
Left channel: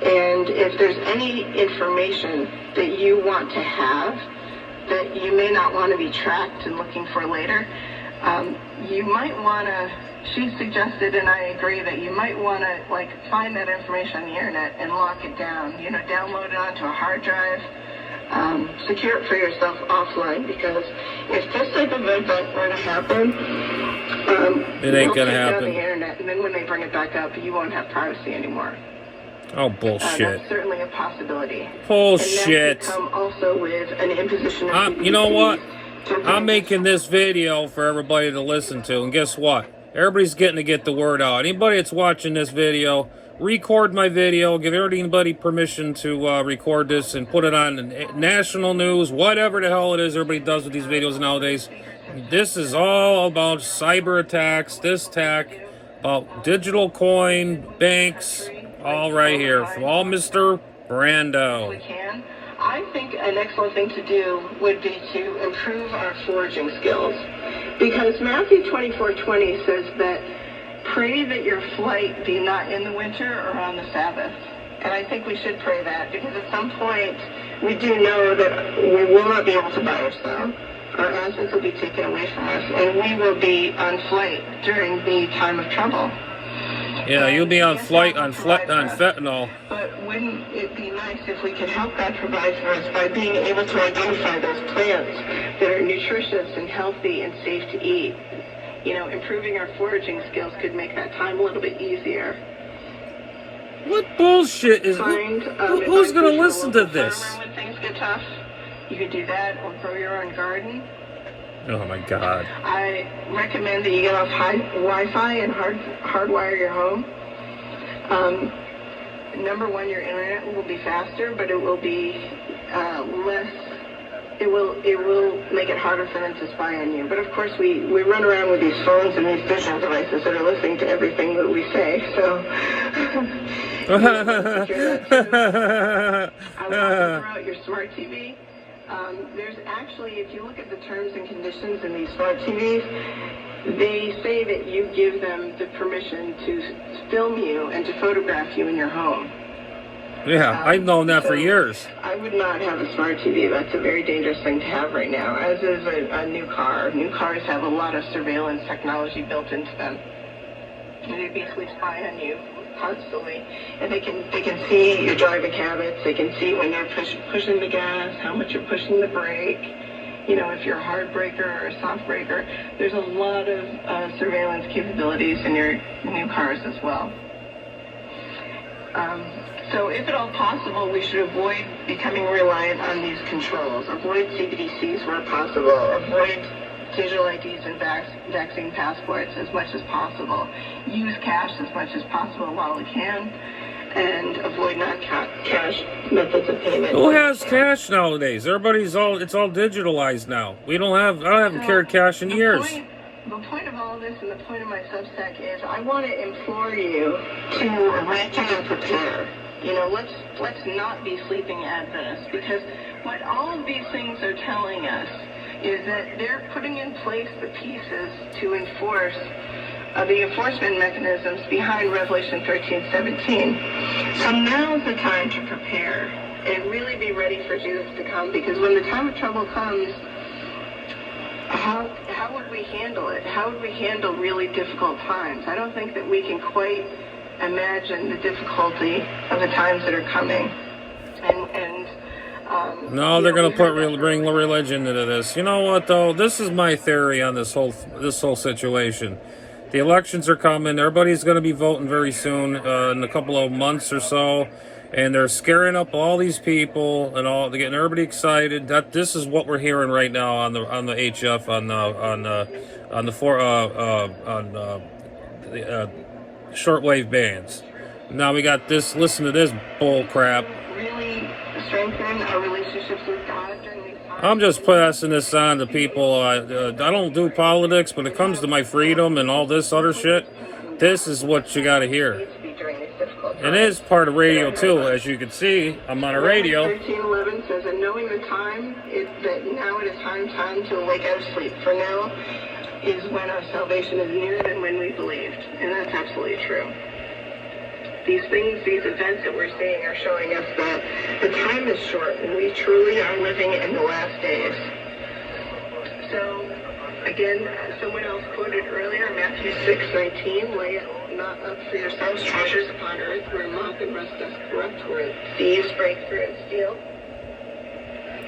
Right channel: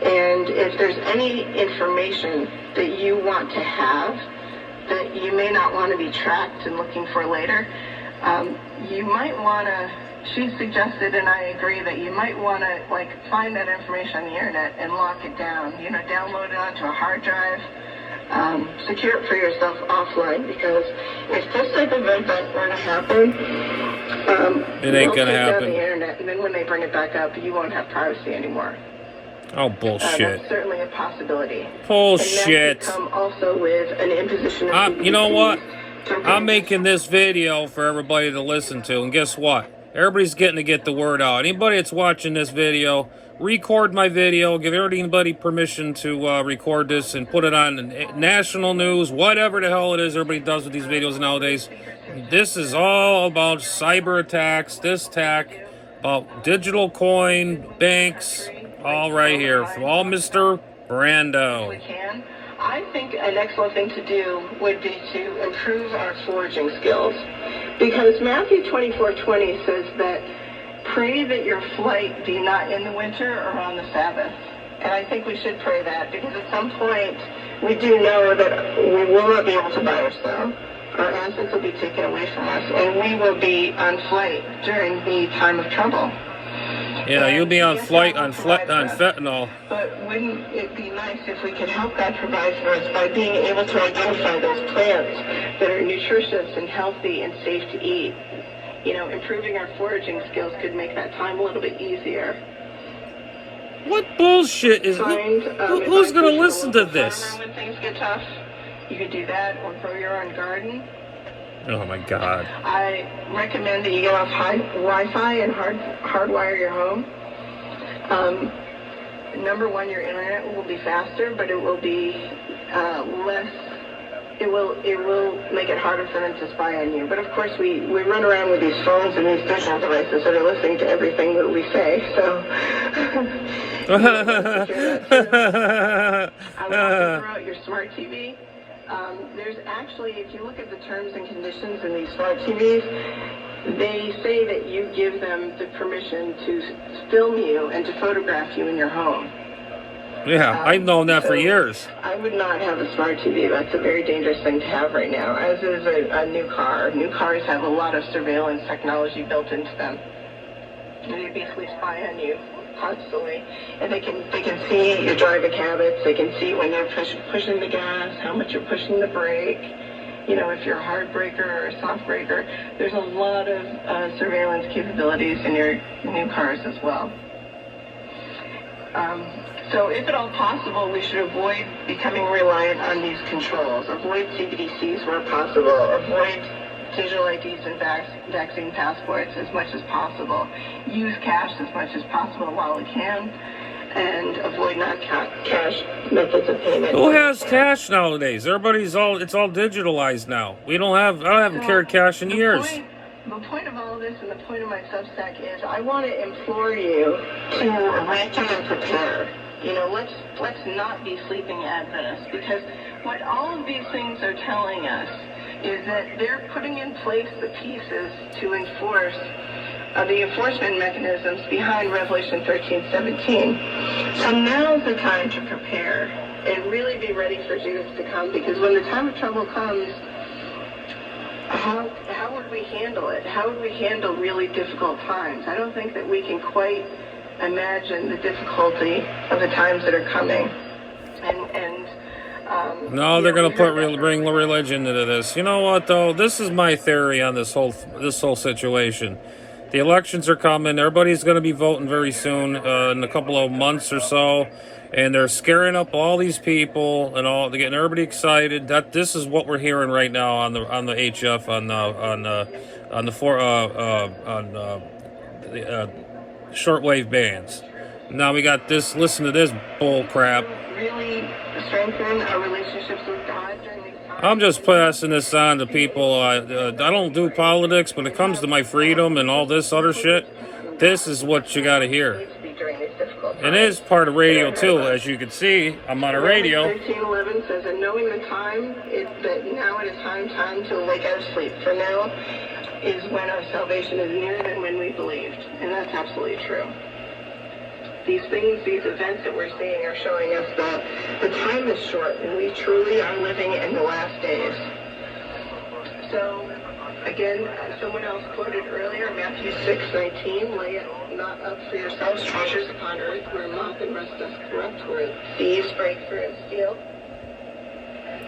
And if there's any information that you want to have that you may not want to be tracked and looking for later, you might want to, she suggested, and I agree, that you might want to find that information on the internet and lock it down, download it onto a hard drive, secure it for yourself offline, because if this type of event were to happen, It ain't gonna take down happen. the internet, and then when they bring it back up, you won't have privacy anymore. Oh, bullshit. That's certainly a possibility. Bullshit. And that could come also with an imposition of You know what? to I'm making this video for everybody to listen to, and guess what? Everybody's getting to get the word out. Anybody that's watching this video, record my video, give anybody permission to record this and put it on national news, whatever the hell it is everybody does with these videos nowadays. This is all about cyber attacks, this attack, about digital coin, banks, all right here, from all Mr. Brando. I think an excellent thing to do would be to improve our foraging skills. Because Matthew 24:20 says that pray that your flight be not in the winter or on the Sabbath. And I think we should pray that, because at some point we do know that we will not be able to buy or sell. Our assets will be taken away from us, and we will be on flight during the time of trouble. Yeah, you'll be on flight on fentanyl. But wouldn't it be nice if we could help that provide for us by being able to identify those plants that are nutritious and healthy and safe to eat? You know, improving our foraging skills could make that time a little bit easier. What bullshit is... who's going to listen to this? When things get tough, you could do that, or grow your own garden. Oh my God. I recommend that you get off Wi-Fi and hardwire your home. Number one, your internet will be faster, but it will be less. It will make it harder for them to spy on you. But of course, we run around with these phones and these digital devices that are listening to everything that we say. So I would also throw out your smart TV. There's actually, if you look at the terms and conditions in these smart TVs, they say that you give them the permission to film you and to photograph you in your home. Yeah, I've known that for years. I would not have a smart TV. That's a very dangerous thing to have right now, as is a new car. New cars have a lot of surveillance technology built into them. They basically spy on you constantly, and they can see your driving habits. They can see when you're pushing the gas, how much you're pushing the brake. You know, if you're a hard breaker or a soft breaker. There's a lot of surveillance capabilities in your new cars as well. So if at all possible, we should avoid becoming reliant on these controls. Avoid CBDCs where possible. Avoid digital IDs and vaccine passports as much as possible. Use cash as much as possible while we can, and avoid non-cash methods of payment. Who has cash nowadays? It's all digitalized now. I haven't carried cash in years. The point of all of this, and the point of my Substack, is I want to implore you to reach out and prepare. You know, let's not be sleeping Adventists, because what all of these things are telling us is that they're putting in place the pieces to enforce the enforcement mechanisms behind Revelation 13:17. So now's the time to prepare and really be ready for Jesus to come, because when the time of trouble comes, how would we handle it? How would we handle really difficult times? I don't think that we can quite imagine the difficulty of the times that are coming. No, they're going to bring religion into this. You know what, though? This is my theory on this whole situation. The elections are coming. Everybody's going to be voting very soon, in a couple of months or so, and they're scaring up all these people and all. They're getting everybody excited. That this is what we're hearing right now on the HF on the shortwave bands. Now we got this. Listen to this bull crap. Really strengthen our relationships with God during these times. I'm just passing this on to people. I don't do politics, but when it comes to my freedom and all this other shit, this is what you got to hear. It is part of radio too, as you can see. I'm on a radio. 13:11 says, "And knowing the time is that now it is time to awake out of sleep. For now is when our salvation is nearer than when we believed," and that's absolutely true. These events that we're seeing are showing us that the time is short, and we truly are living in the last days. So, again, someone else quoted earlier, Matthew 6:19, "Lay not up for yourselves treasures upon earth, where moth and rust doth corrupt, where thieves break through and steal."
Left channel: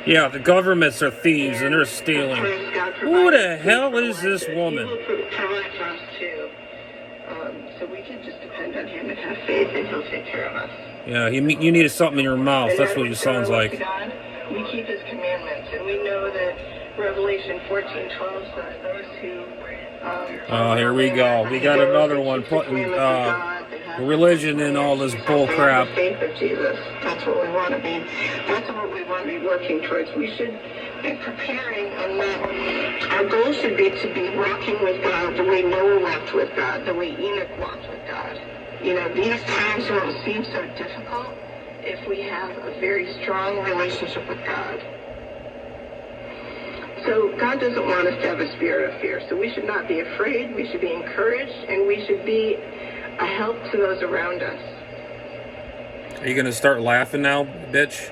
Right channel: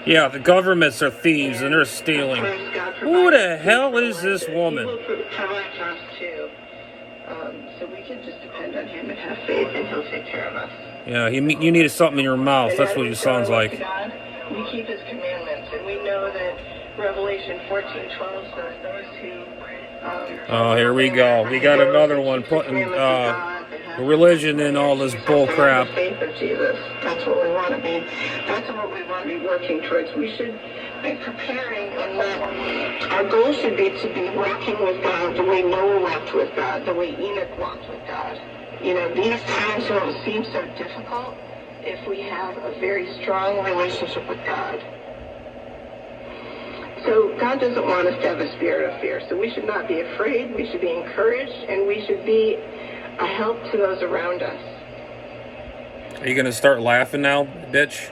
Yeah, the governments are thieves and they're stealing. Who the hell is this woman? He will provide for us too. So we can just depend on him and have faith, and he'll take care of us. Yeah, you needed something in your mouth. That's what it sounds like. God, we keep his commandments, and we know that Revelation 14:12 says those who... Oh, here we go. We got another one putting religion in all this bull crap. The faith of Jesus. That's what we want to be. That's what we want to be working towards. We should be preparing, and our goal should be to be walking with God the way Noah walked with God, the way Enoch walked with God. You know, these times don't seem so difficult if we have a very strong relationship with God. So God doesn't want us to have a spirit of fear. So we should not be afraid. We should be encouraged, and we should be a help to those around us. Are you going to start laughing now, bitch?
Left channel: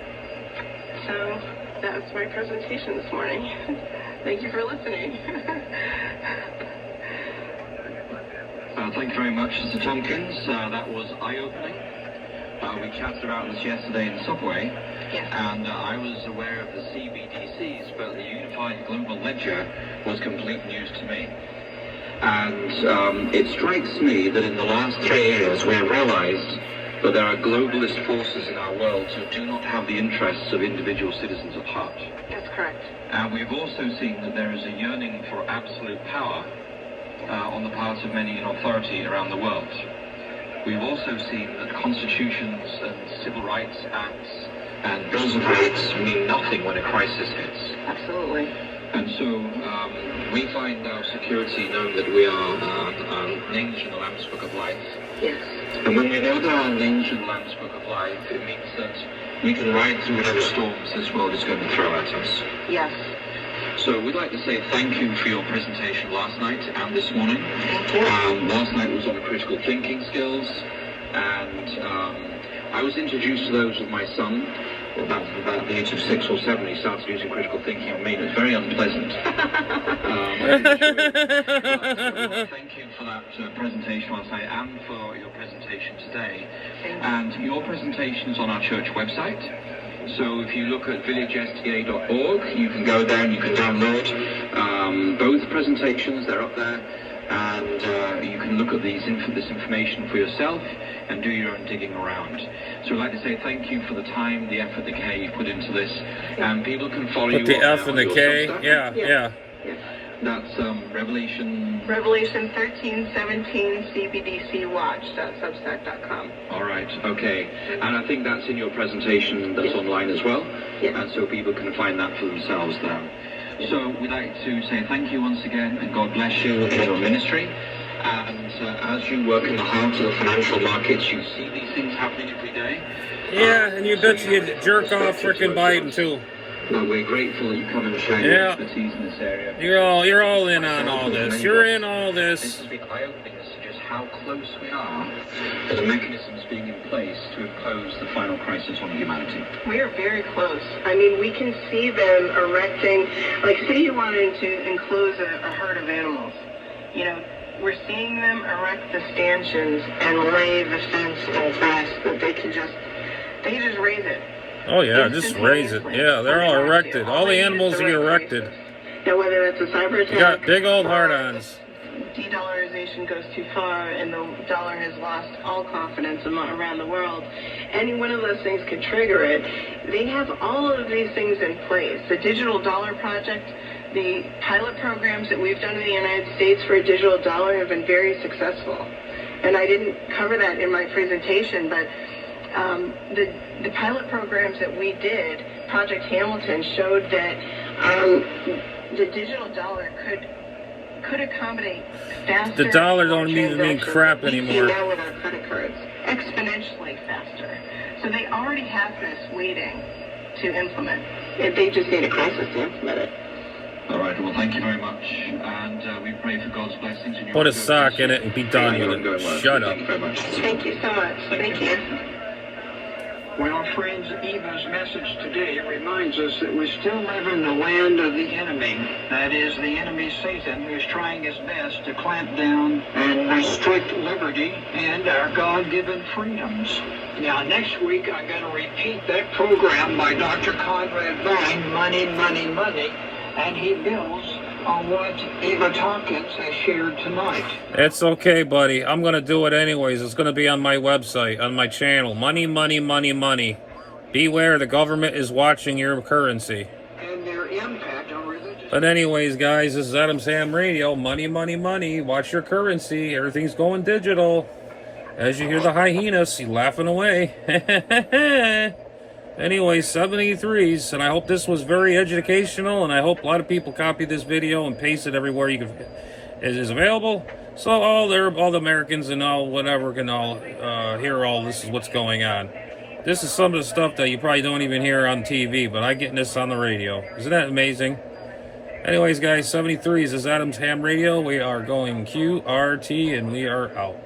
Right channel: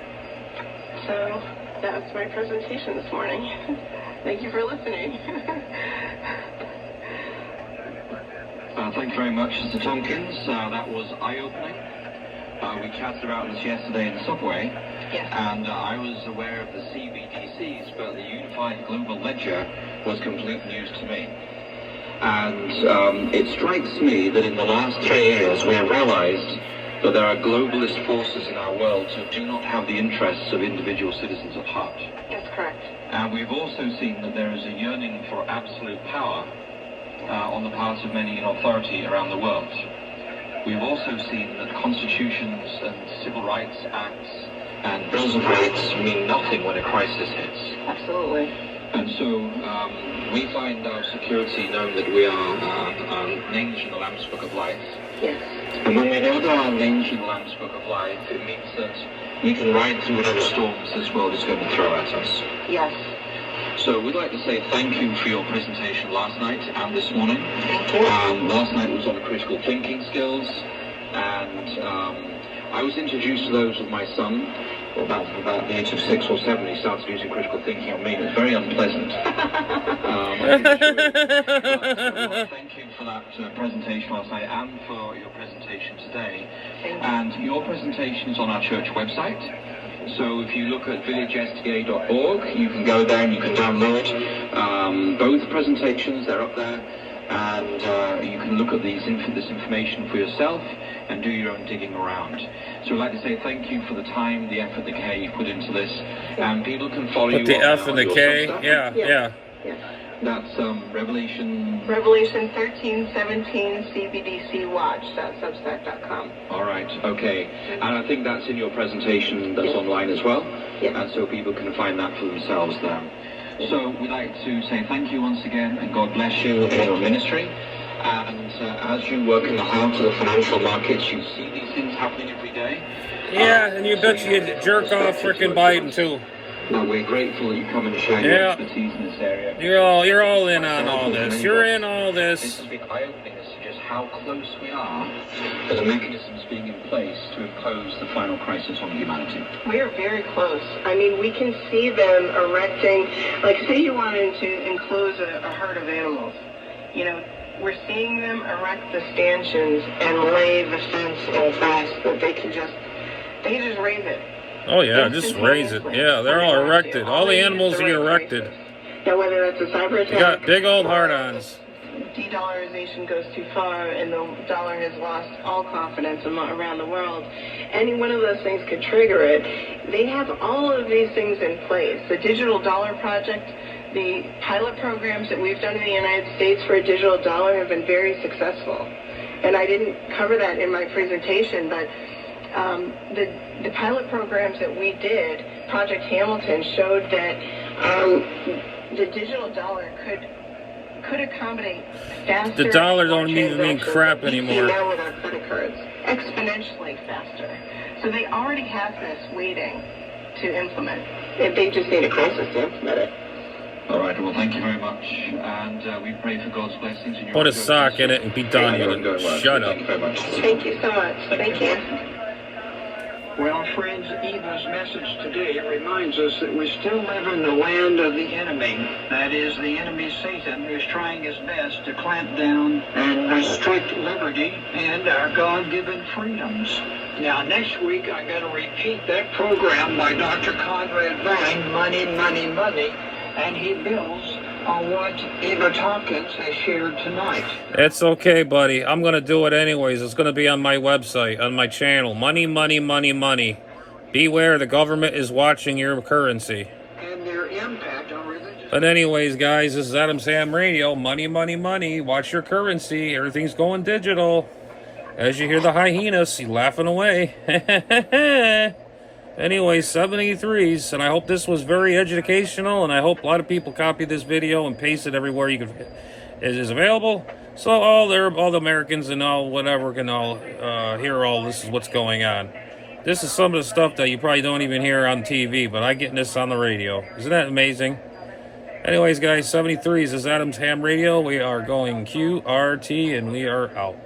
So that's my presentation this morning. Thank you for listening. Thank you very much, Mr. Tompkins. That was eye-opening. We chatted about this yesterday in Subway. Yes. And I was aware of the CBDCs, but the Unified Global Ledger was complete news to me. And it strikes me that in the last 3 years we have realized that there are globalist forces in our world who do not have the interests of individual citizens at heart. That's correct. And we've also seen that there is a yearning for absolute power on the part of many in authority around the world. We've also seen that constitutions and civil rights acts and bills of rights mean nothing when a crisis hits. Absolutely. And so we find our security known that we are names in the Lamb's Book of Life. Yes. And when we know that our names in the Lamb's Book of Life, it means that we can ride through whatever storms this world is going to throw at us. Yes. So we'd like to say thank you for your presentation last night and this morning. Thank you. Last night was on critical thinking skills, and I was introduced to those with my son about the age of 6 or 7. He started using critical thinking on me, and it was very unpleasant. Thank you for that presentation last night and for your presentation today. And your presentation is on our church website. So if you look at villagesta.org, you can go there and you can download both presentations. They're up there, and you can look at this information for yourself and do your own digging around. So we'd like to say thank you for the time, the effort, the care you put into this, and people can follow you. Put the F and the K, yeah. That's Revelation 13:17 CBDC Watch.substack.com. All right, okay. And I think that's in your presentation that's online as well. Yes. And so people can find that for themselves there. So we'd like to say thank you once again, and God bless you in your ministry. And as you work in the heart of the financial markets, you see these things happening every day. Yeah, and you bet you jerk off frickin' Biden too. We're grateful that you come and share your expertise in this area. You're all in on all this. You're in all this. This has been eye-opening as to just how close we are to the mechanisms being in place to impose the final crisis on humanity. We are very close. I mean, we can see them erecting, like say you wanted to enclose a herd of animals. You know, we're seeing them erect the stanchions and lay the fence and fast that they just raise it. Oh yeah, just raise it. Yeah, they're all erected. All the animals get erected. Now, whether that's a cyber attack, You got big old hard-ons. De-dollarization goes too far, and the dollar has lost all confidence around the world. Any one of those things could trigger it. They have all of these things in place. The Digital Dollar Project, the pilot programs that we've done in the United States for a digital dollar have been very successful. And I didn't cover that in my presentation, but the pilot programs that we did, Project Hamilton, showed that the digital dollar could accommodate faster. The dollar don't even mean crap anymore. Now with our credit cards, exponentially faster. So they already have this waiting to implement. They just need a crisis to implement it. All right, well, thank you very much, and we pray for God's blessings in your Put a sock in it and be done with it. Shut up. Thank you very much. Thank you so much. Thank you. Well, friends, Eva's message today reminds us that we still live in the land of the enemy. That is, the enemy Satan, who is trying his best to clamp down and restrict liberty and our God-given freedoms. Now, next week, I'm going to repeat that program by Dr. Conrad Vine, Money, Money, Money, and he builds on what Eva Tompkins has shared tonight. It's okay, buddy. I'm going to do it anyways. It's going to be on my website, on my channel. Money, money, money, money. Beware, the government is watching your currency. And their impact on religious... But anyways, guys, this is Adam's Ham Radio. Money, money, money. Watch your currency. Everything's going digital. As you hear the hyenas, he's laughing away. Anyway, 73s, and I hope this was very educational, and I hope a lot of people copy this video and paste it everywhere it is available, so all the Americans and all whatever can all hear all this is what's going on. This is some of the stuff that you probably don't even hear on TV, but I'm getting this on the radio. Isn't that amazing? Anyways, guys, 73s is Adam's Ham Radio. We are going QRT, and we are out.